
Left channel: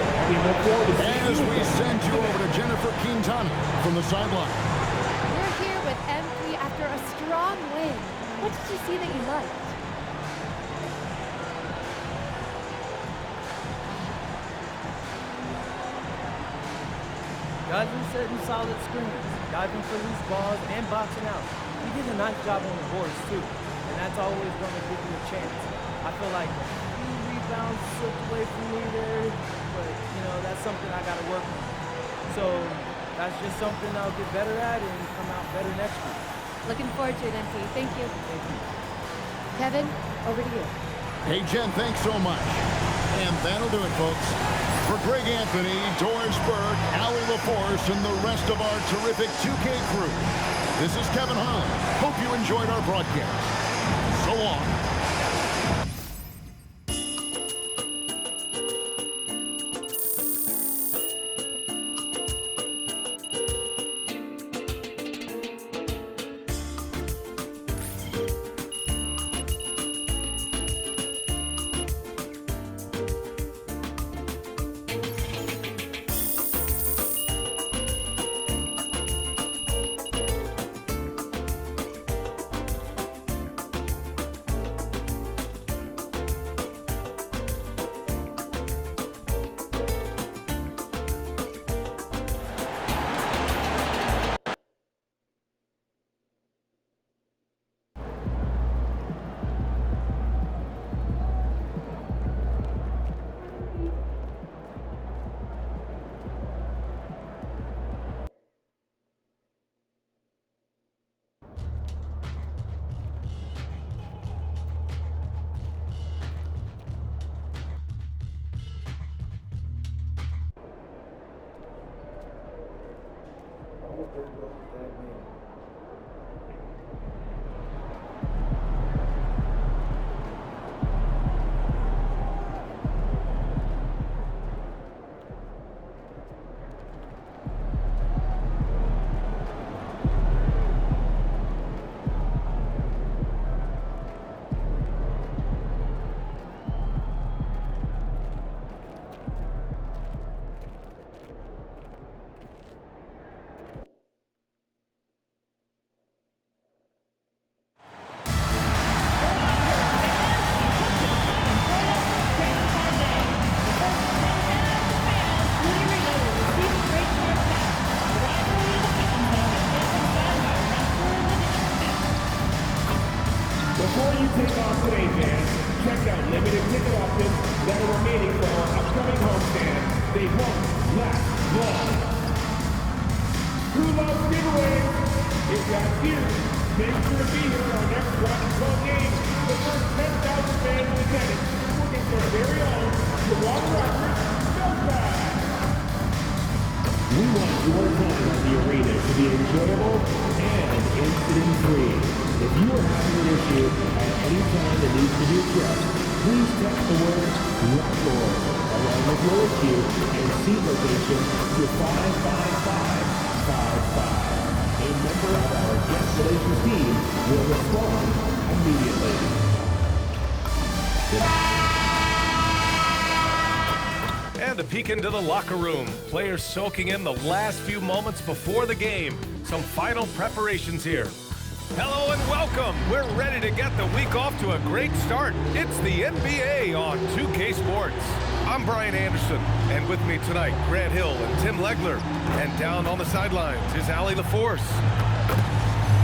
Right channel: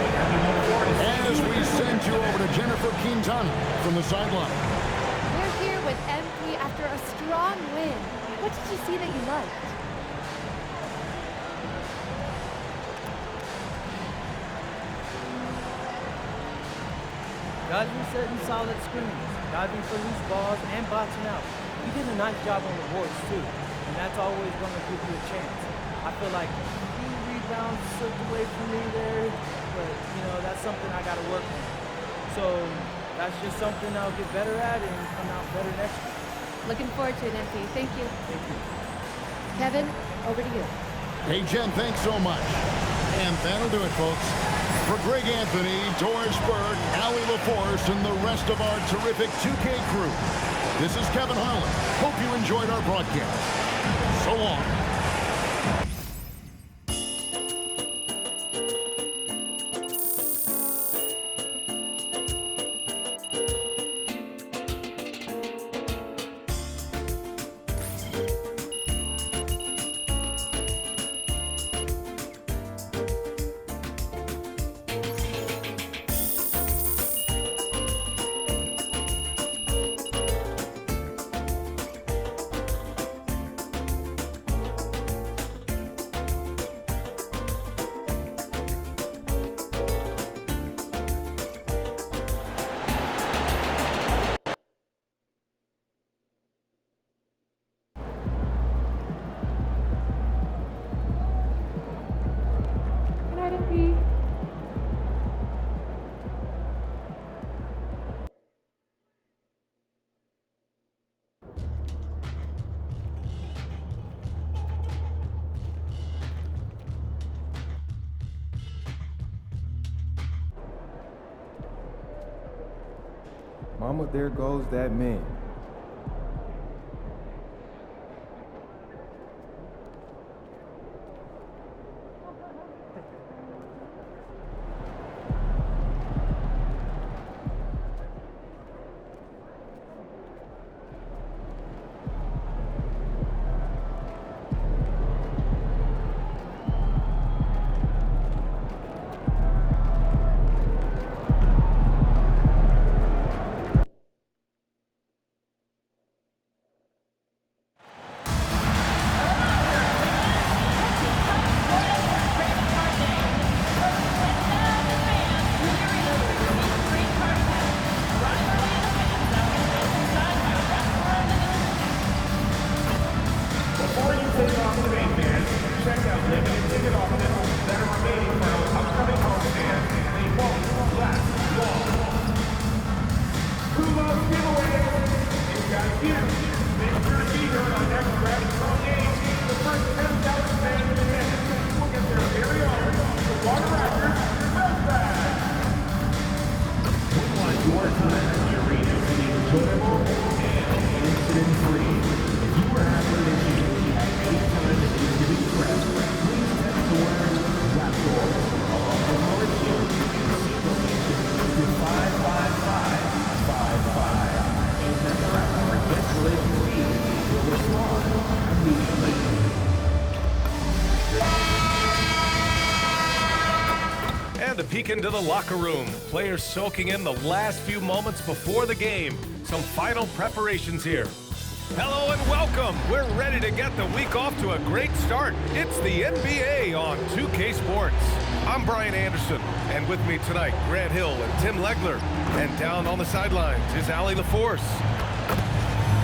As we send you over to Jennifer Quintana from the sideline. We're here with MP after a strong win. What did you see that you liked? Guys were setting solid screens, diving for loose balls, and boxing out. We did a nice job on the boards, too, and that's always going to give you a chance. I feel like a few rebounds slipped away from me there, but, you know, that's something I got to work on. So that's just something I'll get better at and come out better next week. Looking forward to it, MP. Thank you. Thank you. Kevin, over to you. Hey, Jen, thanks so much. And that'll do it, folks. For Greg Anthony, Doris Burke, Allie LaForce, and the rest of our terrific 2K crew, this is Kevin Holland. Hope you enjoyed our broadcast. So long. Mama, there goes that man. Before you take off today, fans, check out limited ticket options that are remaining for our upcoming homestand. They won't last long. Who loves giveaways? It's got you. Make sure to be here on our next graphical game. The first 10,000 fans in attendance will get their very own Water Raptors Belt Bag. We want your time at the arena to be enjoyable and incident-free. If you are having an issue at any time that needs to be addressed, please text the word Raptor along with your issue and seat location to 55555. A member of our guest relations team will respond immediately. And a peek into the locker room. Players soaking in the last few moments before the game. Some final preparations here. Hello and welcome. We're ready to get the week off to a great start. It's the NBA on 2K Sports. I'm Brian Anderson, and with me tonight, Grant Hill and Tim Legler. And down on the sidelines is Allie LaForce.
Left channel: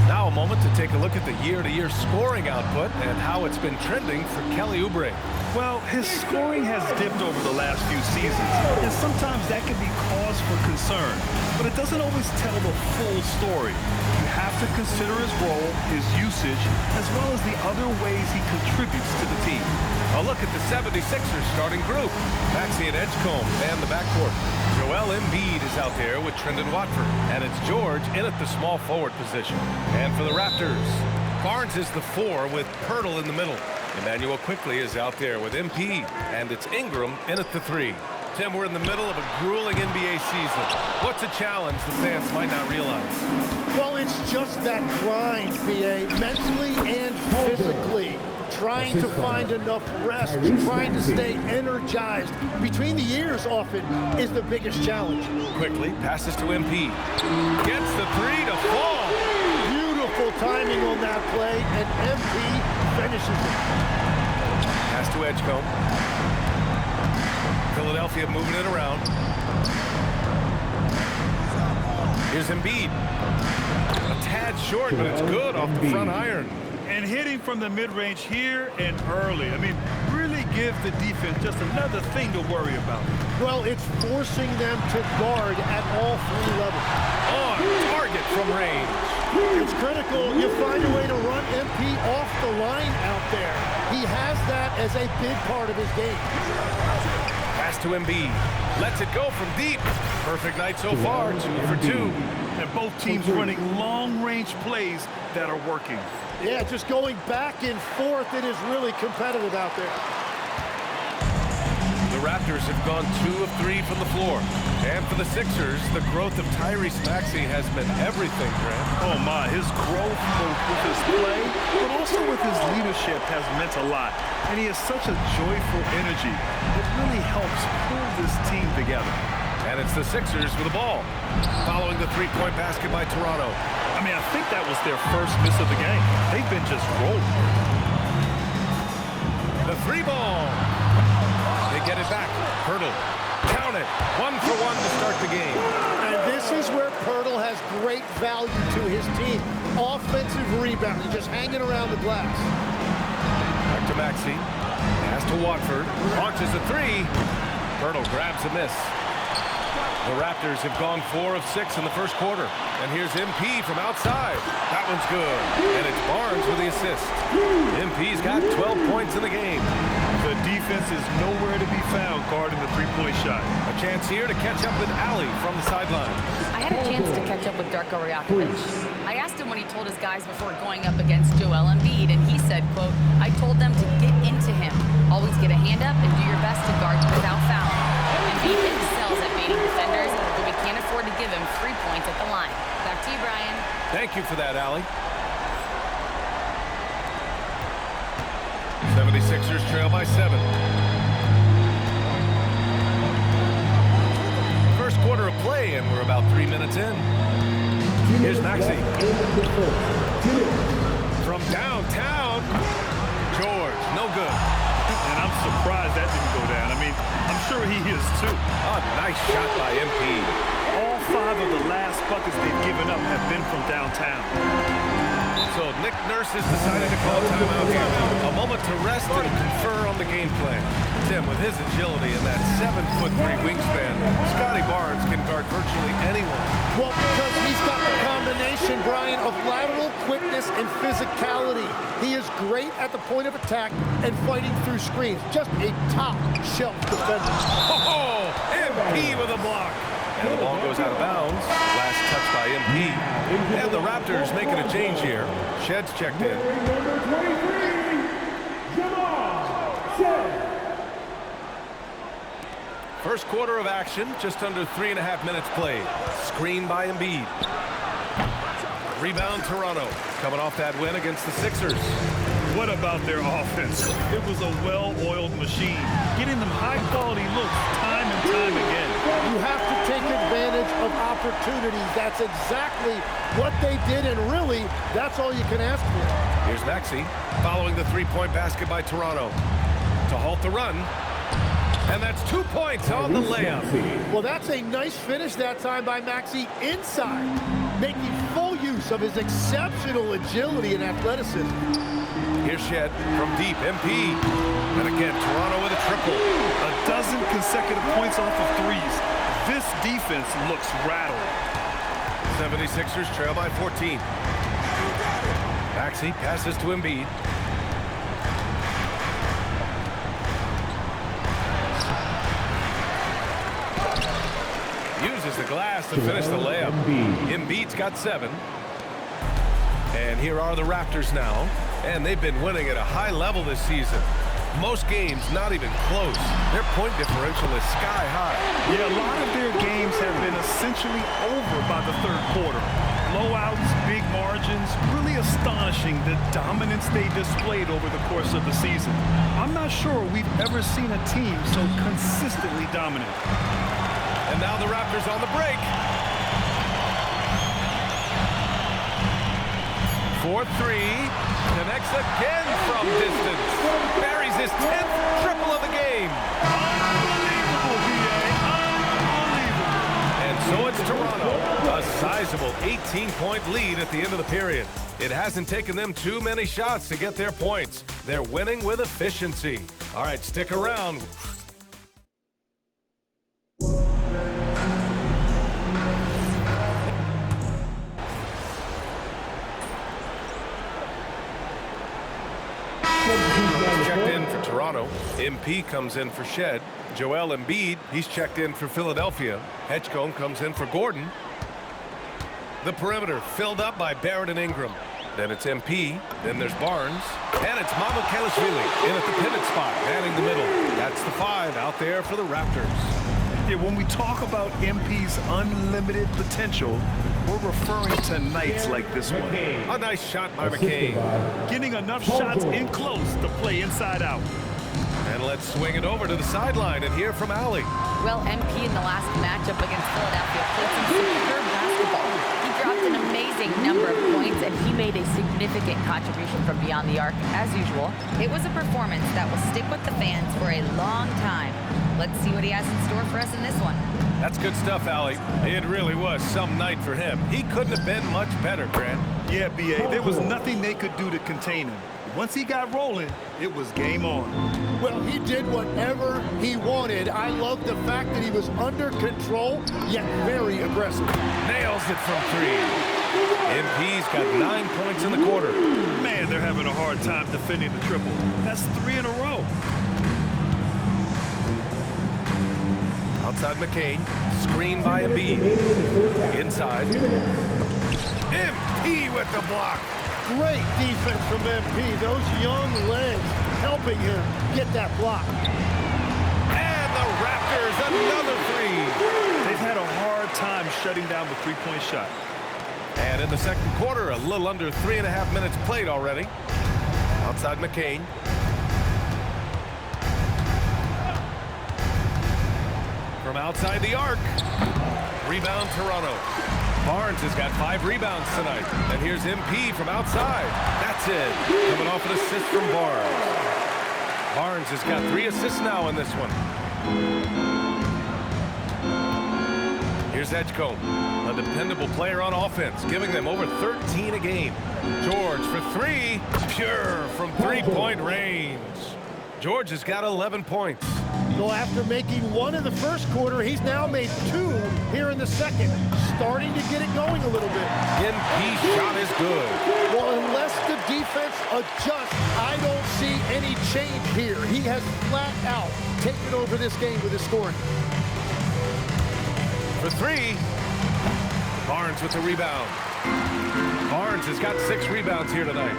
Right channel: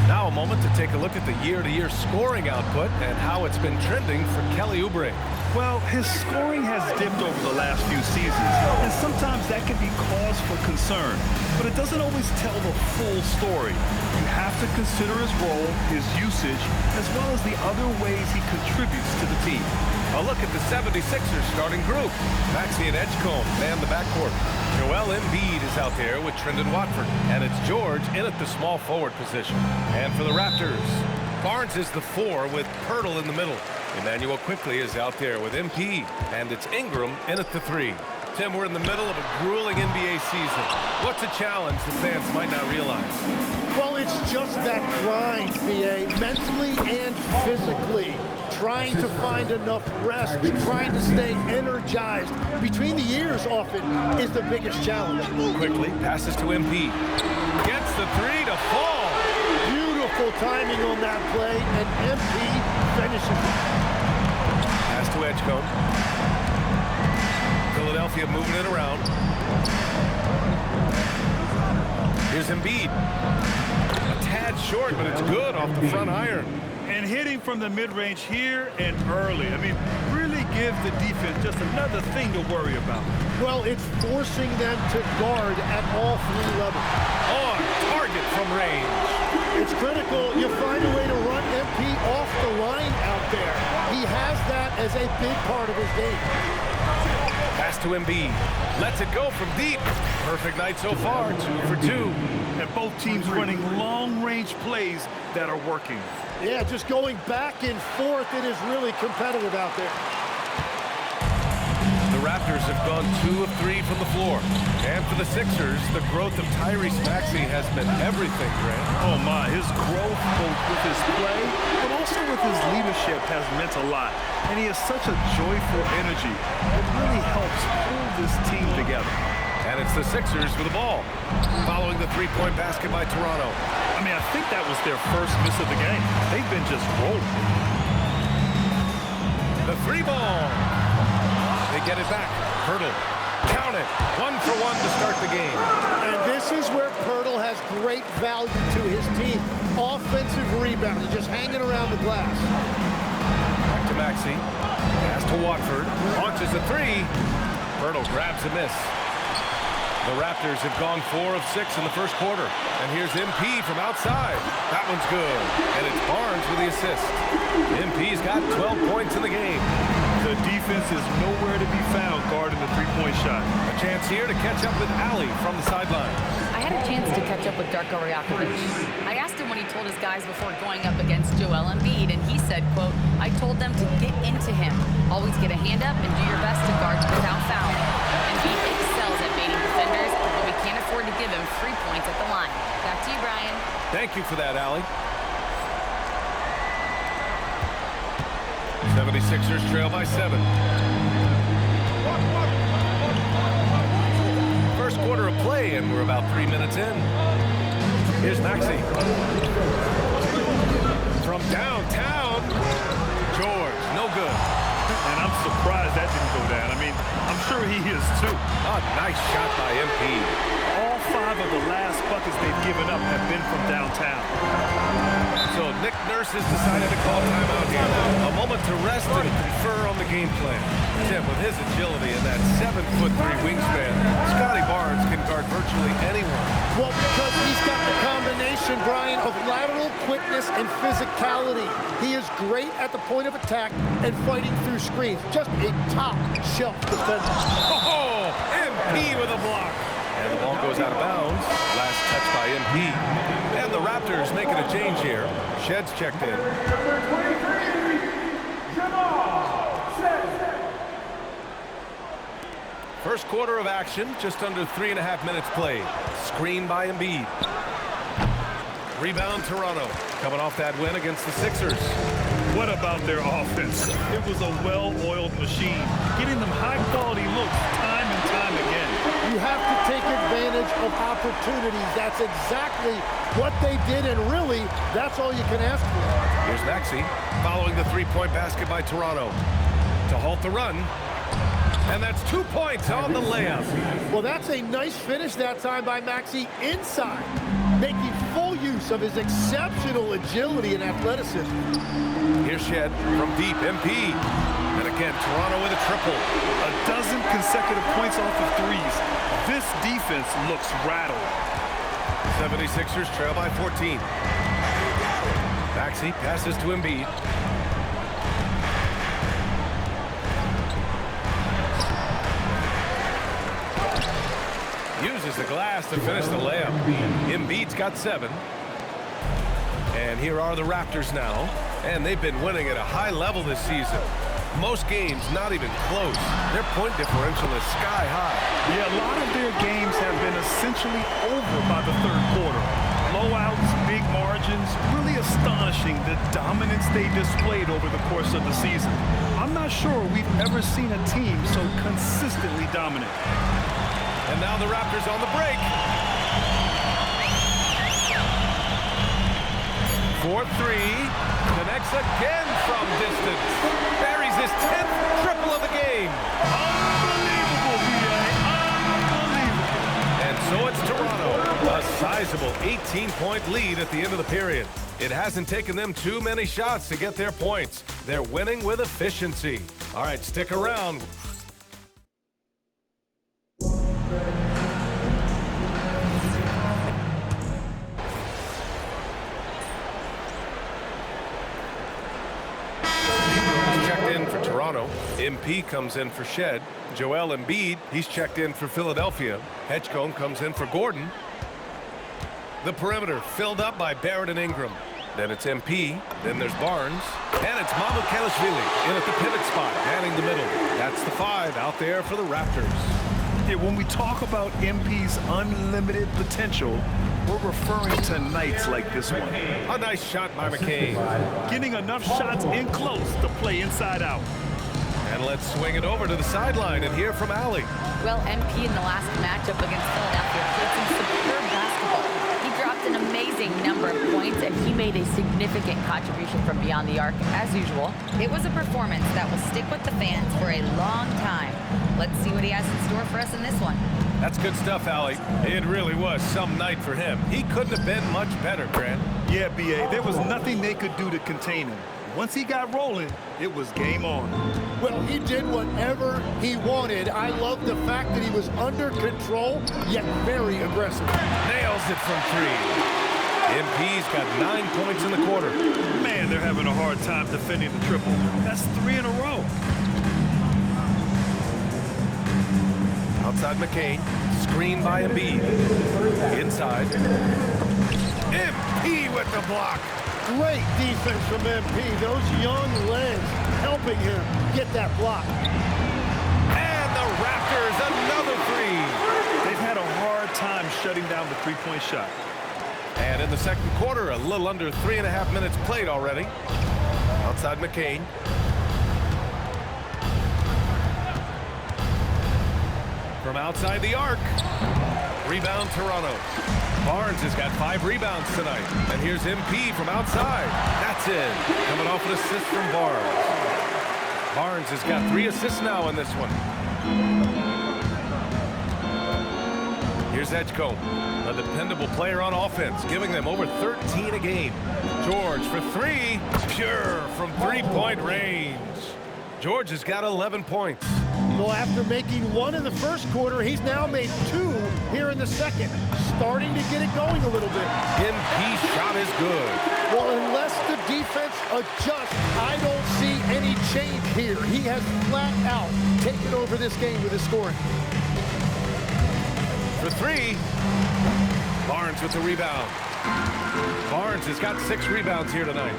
Now a moment to take a look at the year-to-year scoring output and how it's been trending for Kelly Oubre. Well, his scoring has dipped over the last few seasons, and sometimes that can be cause for concern. But it doesn't always tell the full story. You have to consider his role, his usage, as well as the other ways he contributes to the team. A look at the 76ers starting group. Maxey and Edgecombe man the backcourt. Joel Embiid is out there with Trendon Watford. And it's George in at the small forward position. And for the Raptors, Barnes is the 4 with Pirtle in the middle. Emmanuel Quickley is out there with MP. And it's Ingram in at the 3. Tim, we're in the middle of a grueling NBA season. What's a challenge the fans might not realize? Well, it's just that grind, BA, mentally and physically. Trying to find enough rest, trying to stay energized between the years often is the biggest challenge. Quickly passes to MP. Gets the 3 to fall. Beautiful timing on that play, and MP finishes it. Pass to Edgecombe. Philadelphia moving it around. Here's Embiid. A tad short, but it's good off the front iron. And hitting from the mid-range here and early. I mean, really gives the defense just another thing to worry about. Well, it's forcing them to guard at all 3 levels. On target from range. It's critical you find a way to run MP off the line out there. He has that as a big part of his game. Pass to Embiid. Lets it go from deep. Perfect night so far, 2 for 2. And both teams running long-range plays that are working. Yeah, just going back and forth, it is really competitive out there. The Raptors have gone 2 of 3 from the floor. And for the Sixers, the growth of Tyrese Maxey has meant everything, Grant. Oh my, his growth both with his play, but also with his leadership has meant a lot. And he has such a joyful energy. It really helps pull this team together. And it's the Sixers with the ball. Following the 3-point basket by Toronto. I mean, I think that was their first miss of the game. They've been just rolling. The 3 ball. They get it back. Poeltl. Count it. 1 for 1 to start the game. And this is where Poeltl has great value to his team. Offensive rebounding, just hanging around the glass. Back to Maxey. Pass to Watford. Launches a 3. Poeltl grabs a miss. The Raptors have gone 4 of 6 in the first quarter. And here's MP from outside. That one's good. And it's Barnes with the assist. MP's got 12 points in the game. The defense is nowhere to be found guarding the 3-point shot. A chance here to catch up with Ali from the sideline. I had a chance to catch up with Darko Rajakovic. I asked him what he told his guys before going up against Joel Embiid, and he said, quote, I told them to get into him. Always get a hand up and do your best to guard without fouling. Embiid excels at baiting defenders, but we can't afford to give him free points at the line. Back to you, Brian. Thank you for that, Ali. 76ers trail by 7. First quarter of play, and we're about 3 minutes in. Here's Maxey. From downtown, George, no good. And I'm surprised that didn't go down. I mean, I'm sure he is too. A nice shot by MP. All 5 of the last buckets they've given up have been from downtown. So Nick Nurse has decided to call timeout here. A moment to rest and confer on the game plan. Tim, with his agility and that 7'3" wingspan, Scotty Barnes can guard virtually anyone. Well, because he's got the combination, Brian, of lateral quickness and physicality. He is great at the point of attack and fighting through screens. Just a top-shelf defender. Oh, MP with a block. And the ball goes out of bounds. Last touch by MP. And the Raptors making a change here. Shed's checked in. Number 23, Jamal Shed. First quarter of action, just under 3.5 minutes played. Screen by Embiid. Rebound Toronto. Coming off that win against the Sixers. What about their offense? It was a well-oiled machine, getting them high-quality looks time and time again. You have to take advantage of opportunities. That's exactly what they did, and really, that's all you can ask for. Here's Maxey, following the 3-point basket by Toronto. To halt the run, and that's 2 points on the layup. Well, that's a nice finish that time by Maxey inside, making full use of his exceptional agility and athleticism. Here's Shed from deep, MP. And again, Toronto with a triple. A dozen consecutive points off of threes. This defense looks rattled. 76ers trail by 14. Maxey passes to Embiid. Uses the glass to finish the layup. Embiid's got 7. And here are the Raptors now. And they've been winning at a high level this season. Most games not even close. Their point differential is sky high. Yeah, a lot of their games have been essentially over by the third quarter. Blowouts, big margins, really astonishing the dominance they displayed over the course of the season. I'm not sure we've ever seen a team so consistently dominant. And now the Raptors on the break. 4-3. Connects again from distance. Buries his 10th triple of the game. Unbelievable, B.A. Unbelievable. And So it's Toronto, a sizable 18-point lead at the end of the period. It hasn't taken them too many shots to get their points. They're winning with efficiency. All right, stick around. Checked in for Toronto. MP comes in for Shed. Joel Embiid, he's checked in for Philadelphia. Hedgecombe comes in for Gordon. The perimeter filled up by Barrett and Ingram. Then it's MP. Then there's Barnes. And it's Mamukelashvili in at the pivot spot, manning the middle. That's the 5 out there for the Raptors. Yeah, when we talk about MP's unlimited potential, we're referring to nights like this one. A nice shot by McCain. Getting enough shots in close to play inside out. And let's swing it over to the sideline and hear from Allie. Well, MP in the last matchup against Philadelphia played some superb basketball. He dropped an amazing number of points, and he made a significant contribution from beyond the arc, as usual. It was a performance that will stick with the fans for a long time. Let's see what he has in store for us in this one. That's good stuff, Allie. It really was some night for him. He couldn't have been much better, Grant. Yeah, B.A., there was nothing they could do to contain him. Once he got rolling, it was game on. Well, he did whatever he wanted. I love the fact that he was under control, yet very aggressive. Nails it from 3. MP's got 9 points in the quarter. Man, they're having a hard time defending the triple. That's 3 in a row. Outside McCain, screen by Embiid. Inside. MP with the block. Great defense from MP. Those young legs helping him get that block. And the Raptors, another 3. They've had a hard time shutting down the three-point shot. And in the second quarter, a little under 3.5 minutes played already. Outside McCain. From outside the arc. Rebound Toronto. Barnes has got 5 rebounds tonight. And here's MP from outside. That's in. Coming off an assist from Barnes. Barnes has got 3 assists now in this one. Here's Edgecombe, a dependable player on offense, giving them over 13 a game. George for 3. Pure from 3-point range. George has got 11 points. Well, after making 1 in the first quarter, he's now made 2 here in the second. Starting to get it going a little bit. MP shot is good. Well, unless the defense adjusts, I don't see any change here. He has flat out taken over this game with his scoring. For 3. Barnes with the rebound. Barnes has got 6 rebounds here tonight.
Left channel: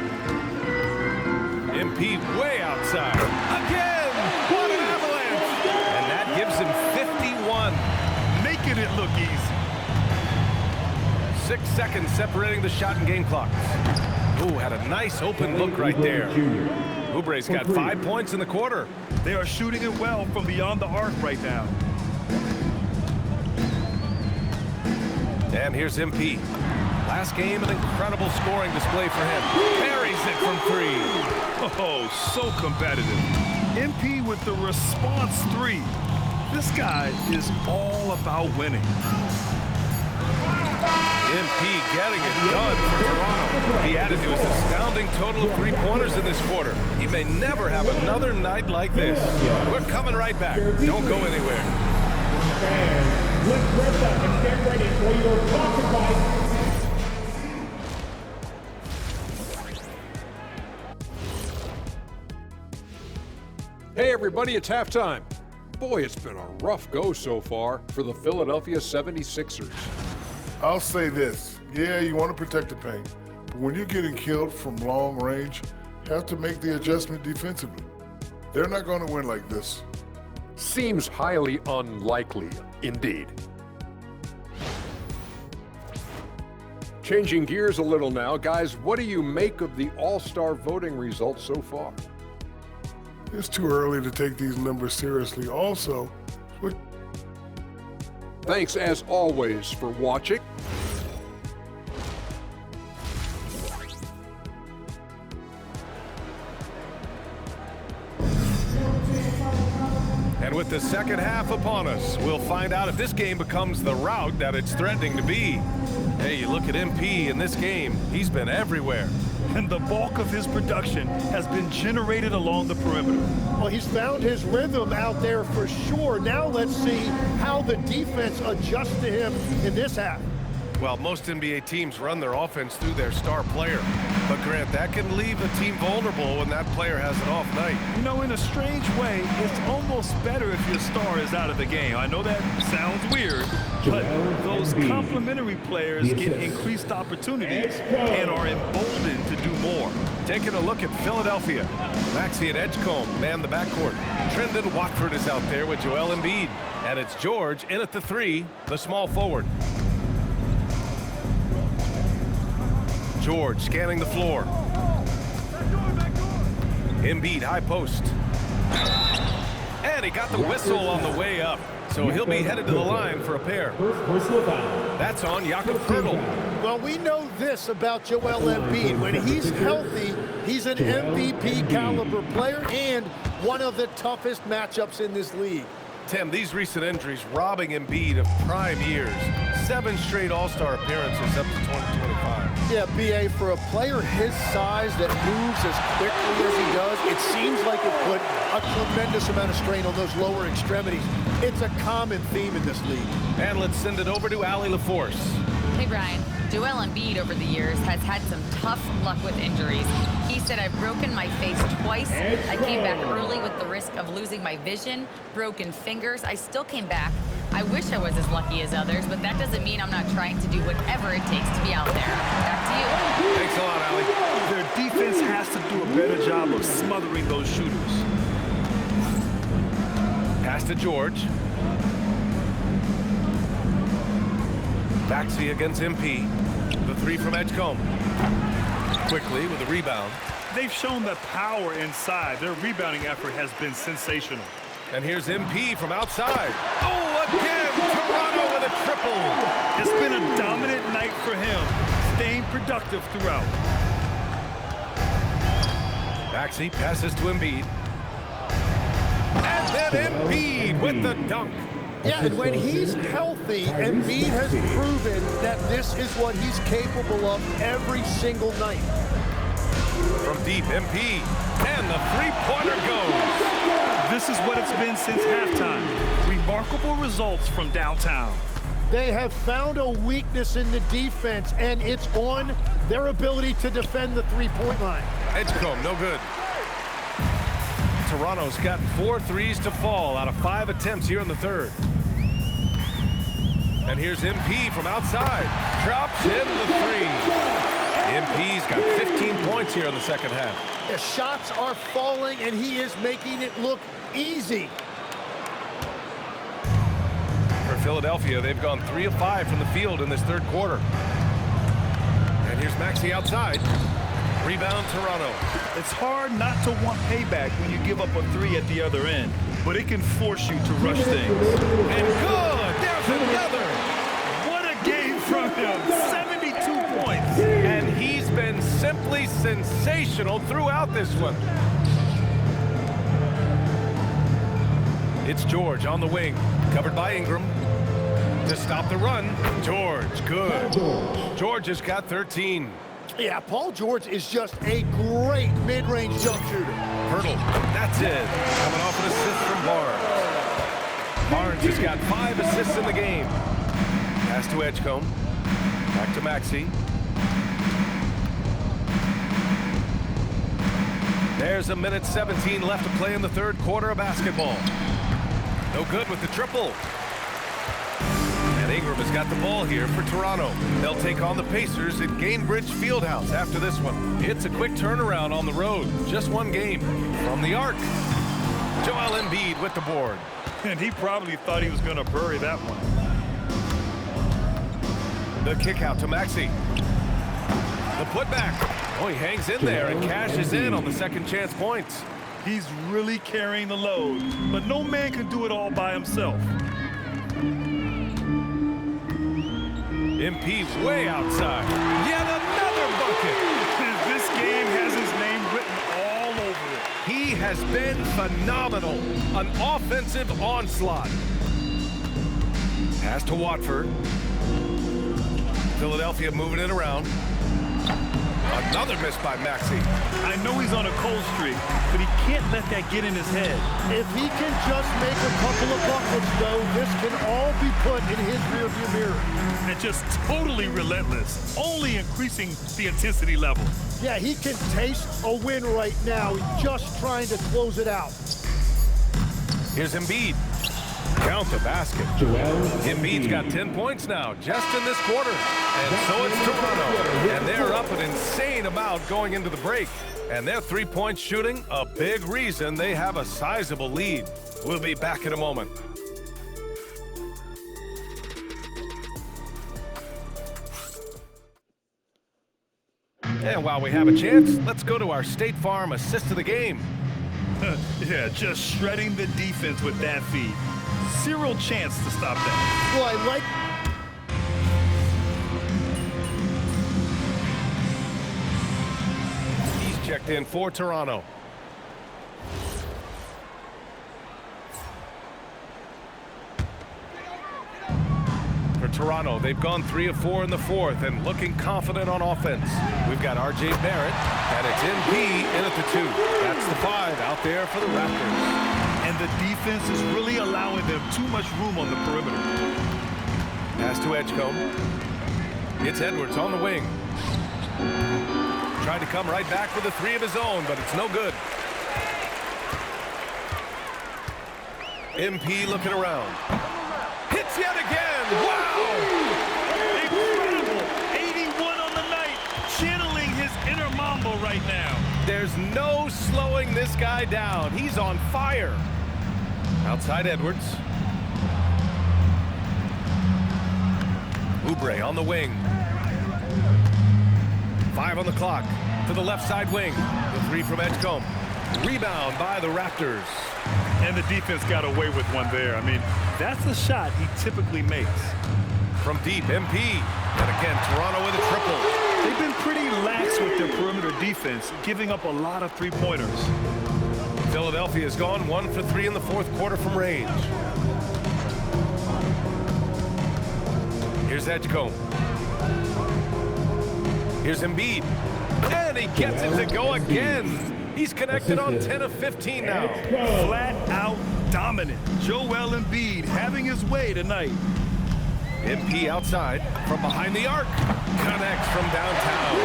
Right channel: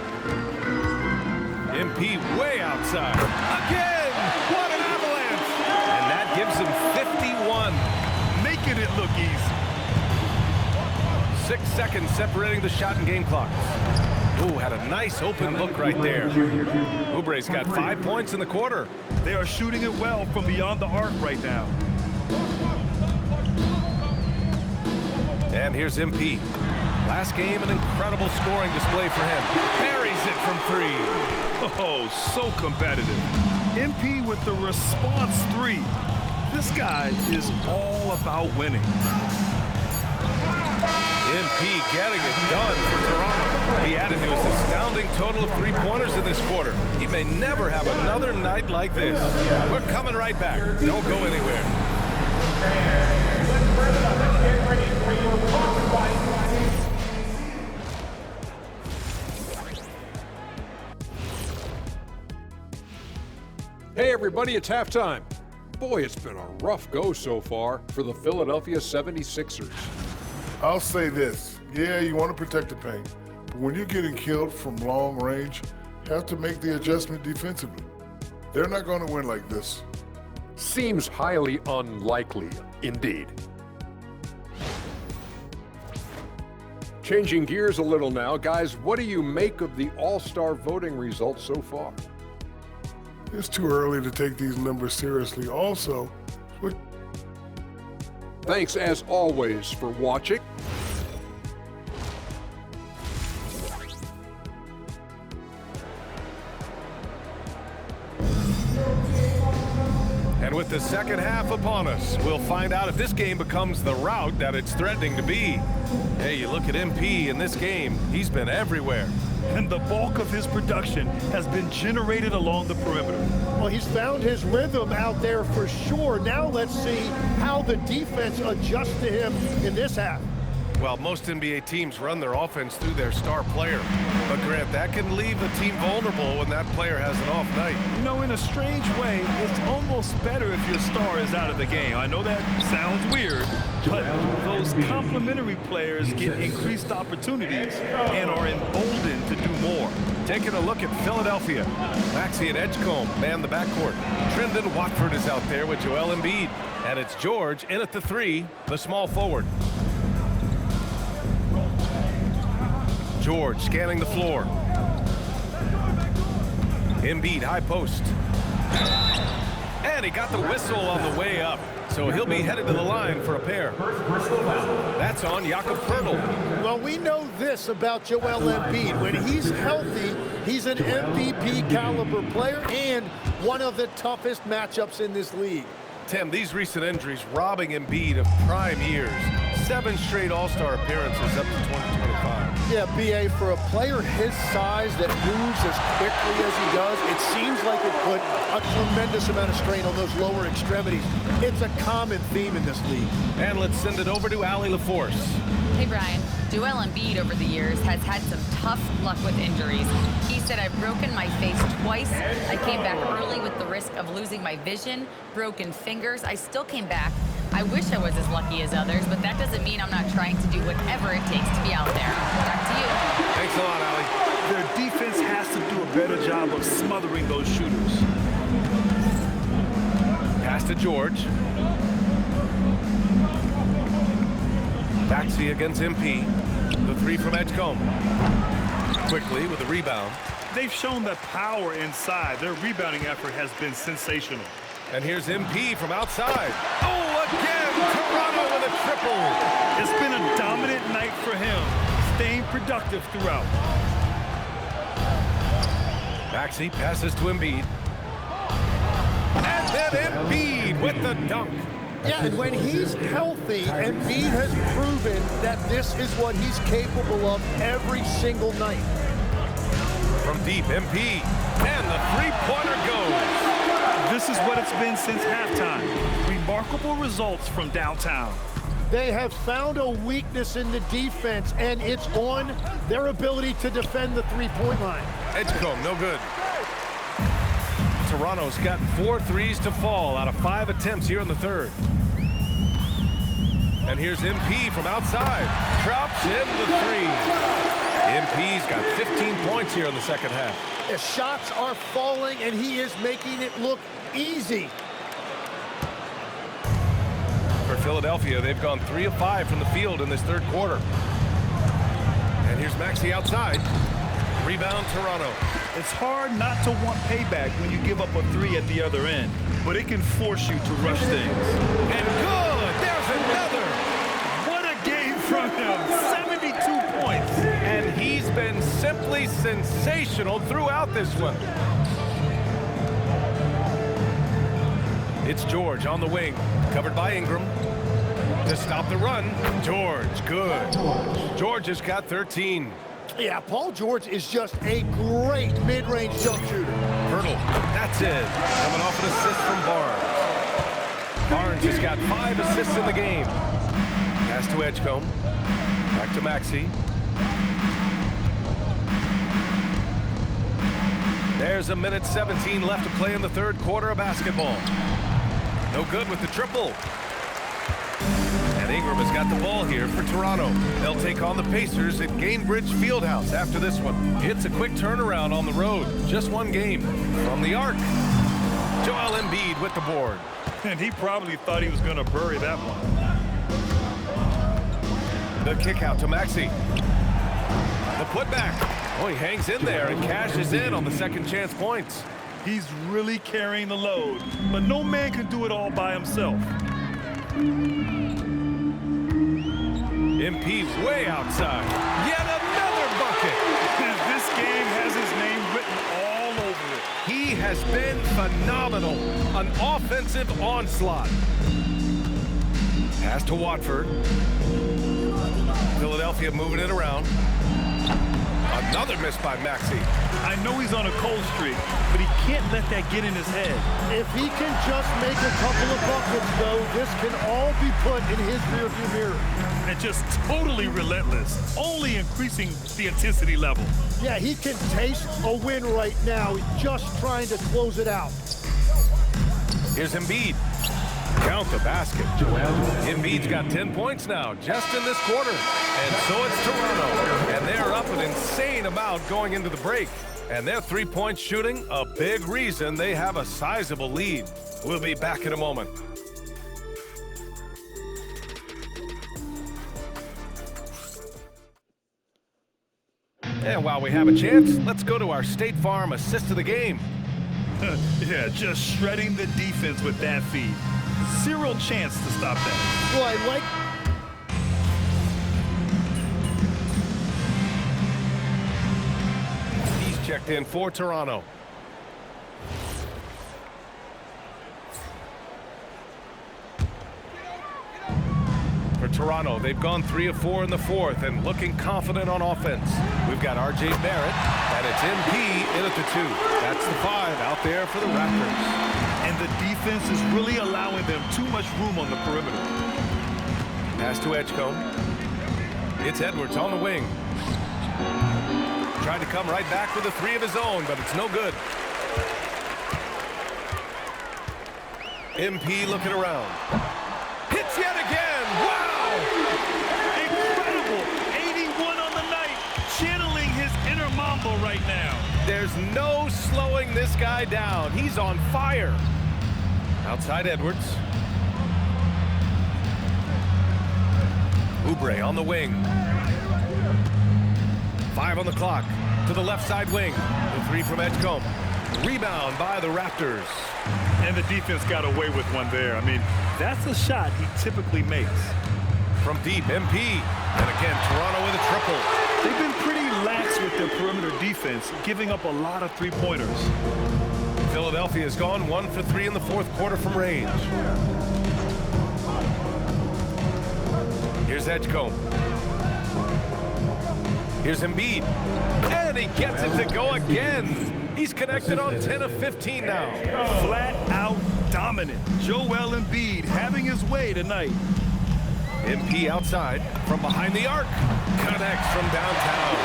MP way outside. Again! What an avalanche! And that gives him 51. Making it look easy. 6 seconds separating the shot and game clocks. Ooh, had a nice open look right there. Oubre's got 5 points in the quarter. They are shooting it well from beyond the arc right now. And here's MP. Last game, an incredible scoring display for him. Buries it from 3. Oh, so competitive. MP with the response 3. This guy is all about winning. MP getting it done for Toronto. He added to his astounding total of 3-pointers in this quarter. He may never have another night like this. We're coming right back. Don't go anywhere. Hey everybody, it's halftime. Boy, it's been a rough go so far for the Philadelphia 76ers. I'll say this. Yeah, you want to protect the paint, but when you're getting killed from long range, you have to make the adjustment defensively. They're not going to win like this. Seems highly unlikely, indeed. Changing gears a little now, guys, what do you make of the All-Star voting results so far? It's too early to take these numbers seriously. Also, thanks as always for watching. And And with the second half upon us, we'll find out if this game becomes the rout that it's threatening to be. Hey, you look at MP in this game, he's been everywhere. And the bulk of his production has been generated along the perimeter. Well, he's found his rhythm out there for sure. Now let's see how the defense adjusts to him in this half. Well, most NBA teams run their offense through their star player. But, Grant, that can leave a team vulnerable when that player has an off night. You know, in a strange way, it's almost better if your star is out of the game. I know that sounds weird, but those complementary players get increased opportunities and are emboldened to do more. Taking a look at Philadelphia. Maxey and Edgecombe man the backcourt. Trendon Watford is out there with Joel Embiid. And it's George in at the 3, the small forward. George scanning the floor. Embiid high post. And he got the whistle on the way up. So he'll be headed to the line for a pair. That's on Jakob Poeltl. Well, we know this about Joel Embiid. When he's healthy, he's an MVP caliber player and one of the toughest matchups in this league. Tim, these recent injuries robbing Embiid of prime years. 7 straight All-Star appearances up to 2025. Yeah, BA, for a player his size that moves as quickly as he does, it seems like it put a tremendous amount of strain on those lower extremities. It's a common theme in this league. And let's send it over to Allie LaForce. Hey, Brian. Joel Embiid over the years has had some tough luck with injuries. He said, I've broken my face twice. I came back early with the risk of losing my vision, broken fingers. I still came back. I wish I was as lucky as others, but that doesn't mean I'm not trying to do whatever it takes to be out there. Back to you. Thanks a lot, Allie. Their defense has to do a better job of smothering those shooters. Pass to George. Maxey against MP. The 3 from Edgecombe. Quickly with the rebound. They've shown the power inside. Their rebounding effort has been sensational. And here's MP from outside. Oh, again, Toronto with a triple. It's been a dominant night for him, staying productive throughout. Maxey passes to Embiid. And then Embiid with the dunk. Yeah, and when he's healthy, Embiid has proven that this is what he's capable of every single night. From deep, MP, and the three-pointer goes. This is what it's been since halftime. Remarkable results from downtown. They have found a weakness in the defense, and it's on their ability to defend the three-point line. Edgecombe, no good. Toronto's gotten 4 threes to fall out of 5 attempts here in the third. And here's MP from outside. Drops in the 3. MP's got 15 points here in the second half. The shots are falling, and he is making it look easy. For Philadelphia, they've gone 3 of 5 from the field in this third quarter. And here's Maxey outside. Rebound, Toronto. It's hard not to want payback when you give up a 3 at the other end, but it can force you to rush things. And good! There's another! What a game from him! 72 points! And he's been simply sensational throughout this one. It's George on the wing, covered by Ingram. To stop the run, George, good. George has got 13. Yeah, Paul George is just a great mid-range jump shooter. Poeltl, that's it. Coming off an assist from Barnes. Barnes has got 5 assists in the game. Pass to Edgecombe. Back to Maxey. There's a minute 17 left to play in the third quarter of basketball. No good with the triple. And Ingram has got the ball here for Toronto. They'll take on the Pacers at Gainbridge Fieldhouse after this one. It's a quick turnaround on the road. Just one game. From the arc, Joel Embiid with the board. And he probably thought he was going to bury that one. The kick out to Maxey. The putback. Oh, he hangs in there and cashes in on the second chance points. He's really carrying the load, but no man can do it all by himself. MP way outside. Yet another bucket. This game has his name written all over it. He has been phenomenal. An offensive onslaught. Pass to Watford. Philadelphia moving it around. Another miss by Maxey. I know he's on a cold streak, but he can't let that get in his head. If he can just make a couple of buckets, though, this can all be put in his rearview mirror. And just totally relentless, only increasing the intensity level. Yeah, he can taste a win right now, just trying to close it out. Here's Embiid. Count the basket. Embiid's got 10 points now, just in this quarter. And so it's Toronto. And they're up an insane amount going into the break. And their three-point shooting, a big reason they have a sizable lead. We'll be back in a moment. And while we have a chance, let's go to our State Farm assist of the game. Yeah, just shredding the defense with that feed. Zero chance to stop that. Well, I like... He's checked in for Toronto. For Toronto, they've gone 3 of 4 in the fourth and looking confident on offense. We've got R.J. Barrett, and it's MP in at the 2. That's the 5 out there for the Raptors. And the defense is really allowing them too much room on the perimeter. Pass to Edgecombe. It's Edwards on the wing. Tried to come right back with a 3 of his own, but it's no good. MP looking around. Hits yet again! Wow! Incredible! 81 on the night, channeling his inner Mambo right now. There's no slowing this guy down. He's on fire. Outside Edwards. Oubre on the wing. 5 on the clock. To the left side wing. The 3 from Edgecombe. Rebound by the Raptors. And the defense got away with one there. I mean, that's a shot he typically makes. From deep, MP. And again, Toronto with a triple. They've been pretty lax with their perimeter defense, giving up a lot of three-pointers. Philadelphia's gone 1 for 3 in the fourth quarter from range. Here's Edgecombe. Here's Embiid. And he gets it to go again. He's connected on 10 of 15 now. Flat out dominant. Joel Embiid having his way tonight. MP outside from behind the arc. Connects from downtown.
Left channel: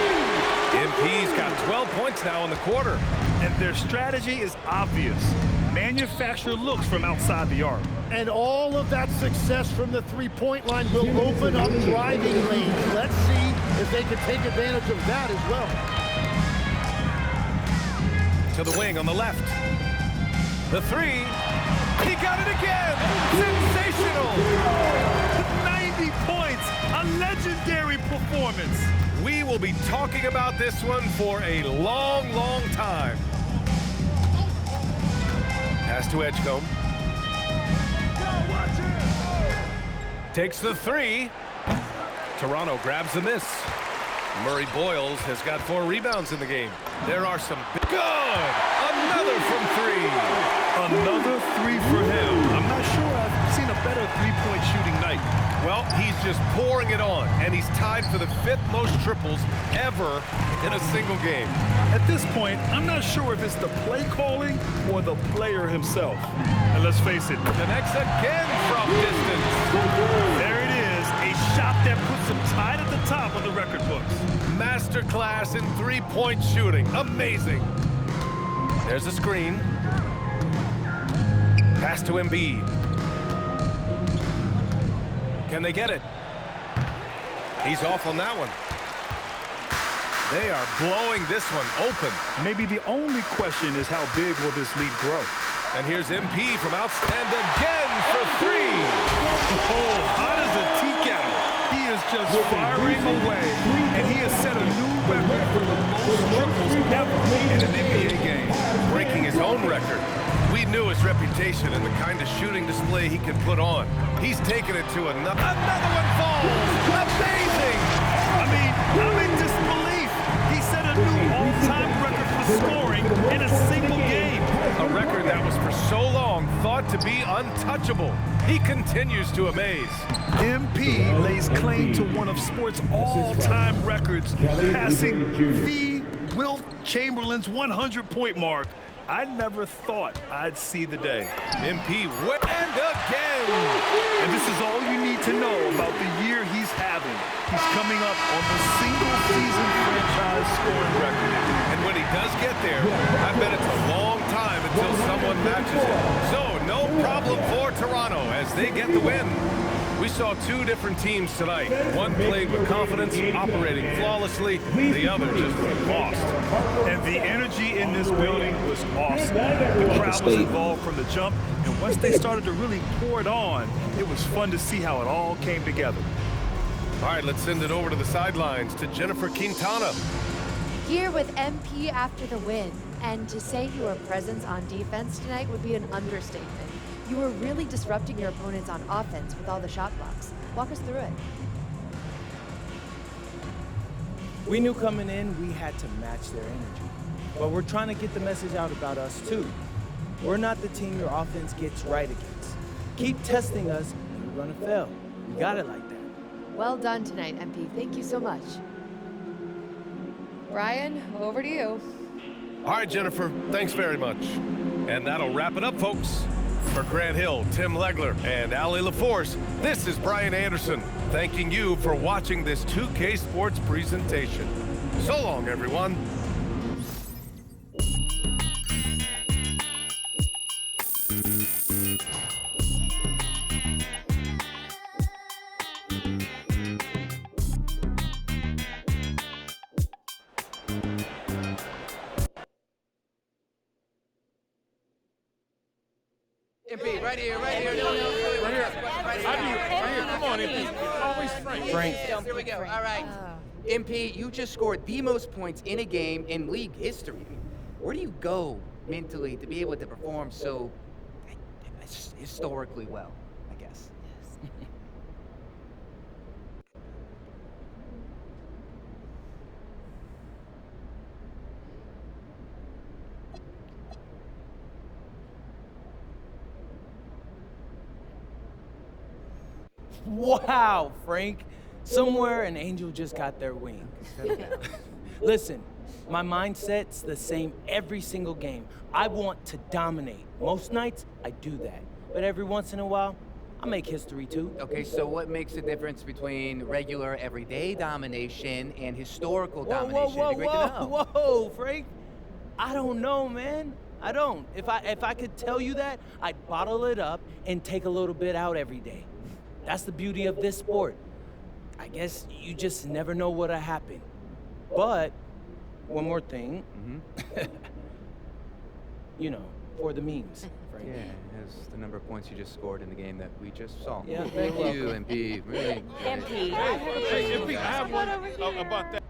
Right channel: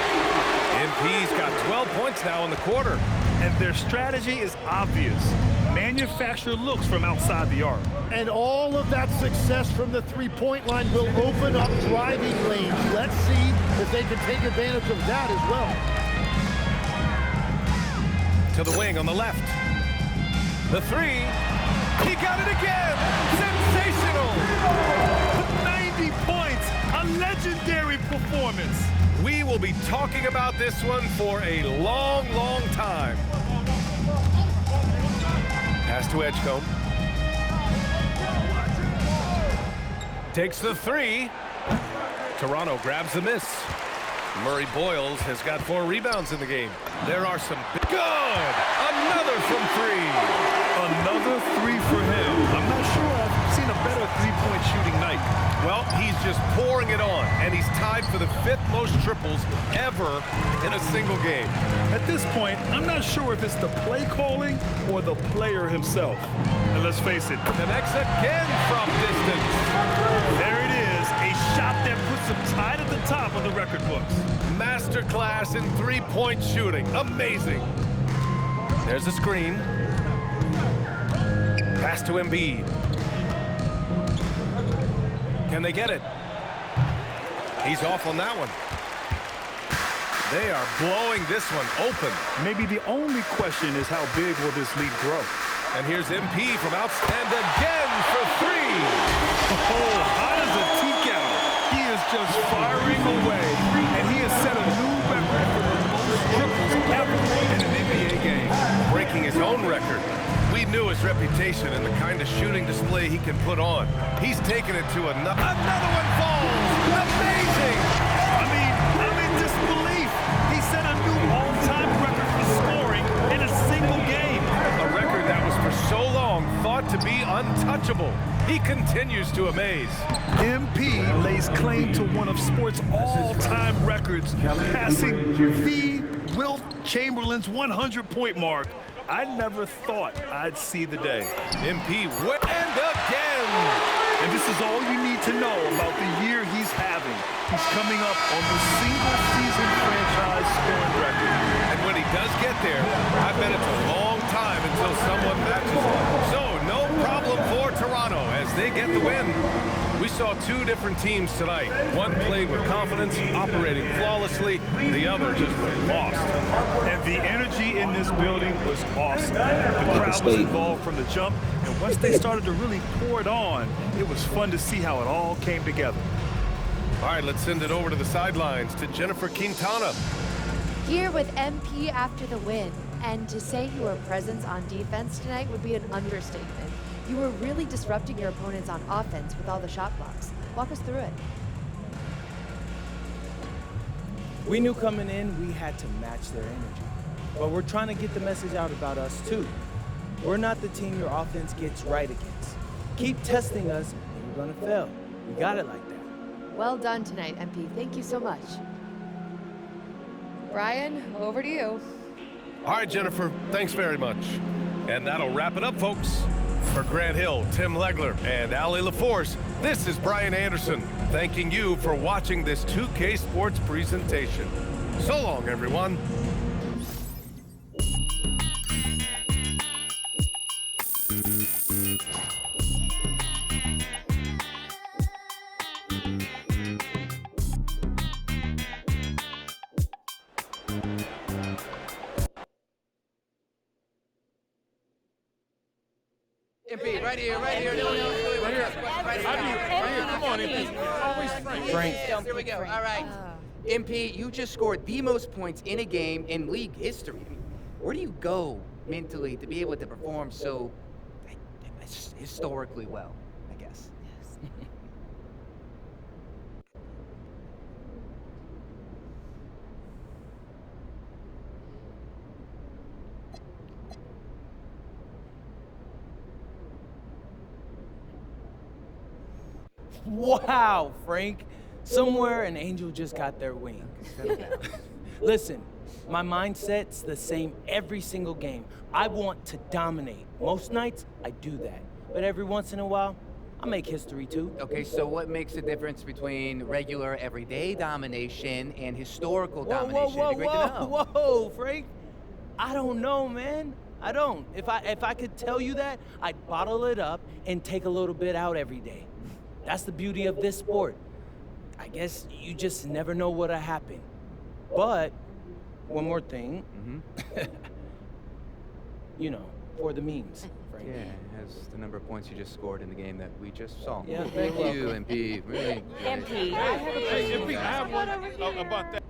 MP's got 12 points now in the quarter. And their strategy is obvious. Manufacture looks from outside the arc. And all of that success from the three-point line will open up driving lanes. Let's see if they can take advantage of that as well. To the wing on the left. The 3. He got it again. Sensational. 90 points. A legendary performance. We will be talking about this one for a long, long time. Pass to Edgecombe. Takes the 3. Toronto grabs the miss. Murray Boyles has got 4 rebounds in the game. There are some big... Good! Another from 3. Another 3 for him. I'm not sure I've seen a better three-point shooting night. Well, he's just pouring it on, and he's tied for the 5th most triples ever in a single game. At this point, I'm not sure if it's the play calling or the player himself. And let's face it, connects again from distance. There it is, a shot that puts him tied at the top of the record books. Masterclass in three-point shooting. Amazing. There's a screen. Pass to Embiid. Can they get it? He's off on that one. They are blowing this one open. Maybe the only question is how big will this lead grow? And here's MP from outside again for 3. Oh, hot as a tea kettle. He is just firing away, and he has set a new record for the most triples ever in an NBA game. Breaking his own record. We knew his reputation and the kind of shooting display he can put on. He's taken it to another. Another one falls. Amazing. I mean, I'm in disbelief. He set a new all-time record for scoring in a single game. record that was for so long thought to be untouchable. He continues to amaze. MP lays claim to one of sports all-time records, passing the Wilt Chamberlain's 100-point mark. I never thought I'd see the day. MP and again. And this is all you need to know about the year he's having. He's coming up on the single-season franchise scoring record. And when he does get there, I bet it's a long time until someone matches it. So no problem for Toronto as they get the win. We saw two different teams tonight. One played with confidence, operating flawlessly. The other just looked lost. And the energy in this building was awesome. The crowd was involved from the jump, and once they started to really pour it on, it was fun to see how it all came together. All right, let's send it over to the sidelines to Jennifer Quintana. Here with MP after the win. And to say your presence on defense tonight would be an understatement. You were really disrupting your opponents on offense with all the shot blocks. Walk us through it. We knew coming in we had to match their energy. But we're trying to get the message out about us too. We're not the team your offense gets right against. Keep testing us and you're gonna fail. We got it like that. Well done tonight, MP. Thank you so much. Brian, over to you. All right, Jennifer, thanks very much. And that'll wrap it up, folks. For Grant Hill, Tim Legler, and Allie LaForce, this is Brian Anderson, thanking you for watching this 2K Sports presentation. So long, everyone. MP, right here. Right here. Come on, MP. Always Frank. Here we go. All right. MP, you just scored the most points in a game in league history. I mean, where do you go mentally to be able to perform so historically well, I guess? Yes. Wow, Frank. Somewhere an angel just got their wings. Listen, my mindset's the same every single game. I want to dominate. Most nights, I do that. But every once in a while, I make history too. Okay, so what makes the difference between regular, everyday domination and historical domination? It'd be great to know. Whoa, Frank. I don't know, man. I don't. If I could tell you that, I'd bottle it up and take a little bit out every day. That's the beauty of this sport. I guess you just never know what'll happen. But one more thing. You know, for the memes, Frank. Yeah, as the number of points you just scored in the game that we just saw. Yeah, thank you, MP. Really good. MP, I have a question. MP, I have one about that.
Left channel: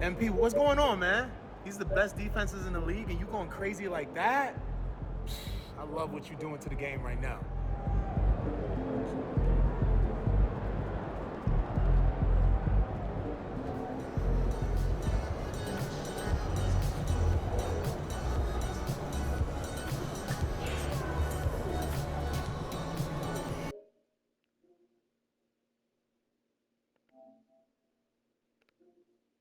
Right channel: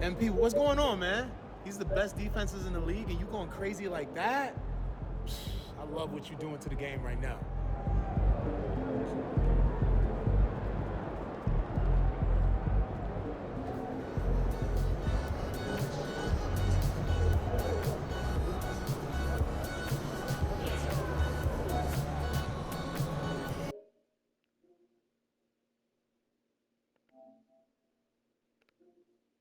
MP, what's going on, man? He's the best defenses in the league, and you going crazy like that? I love what you're doing to the game right now.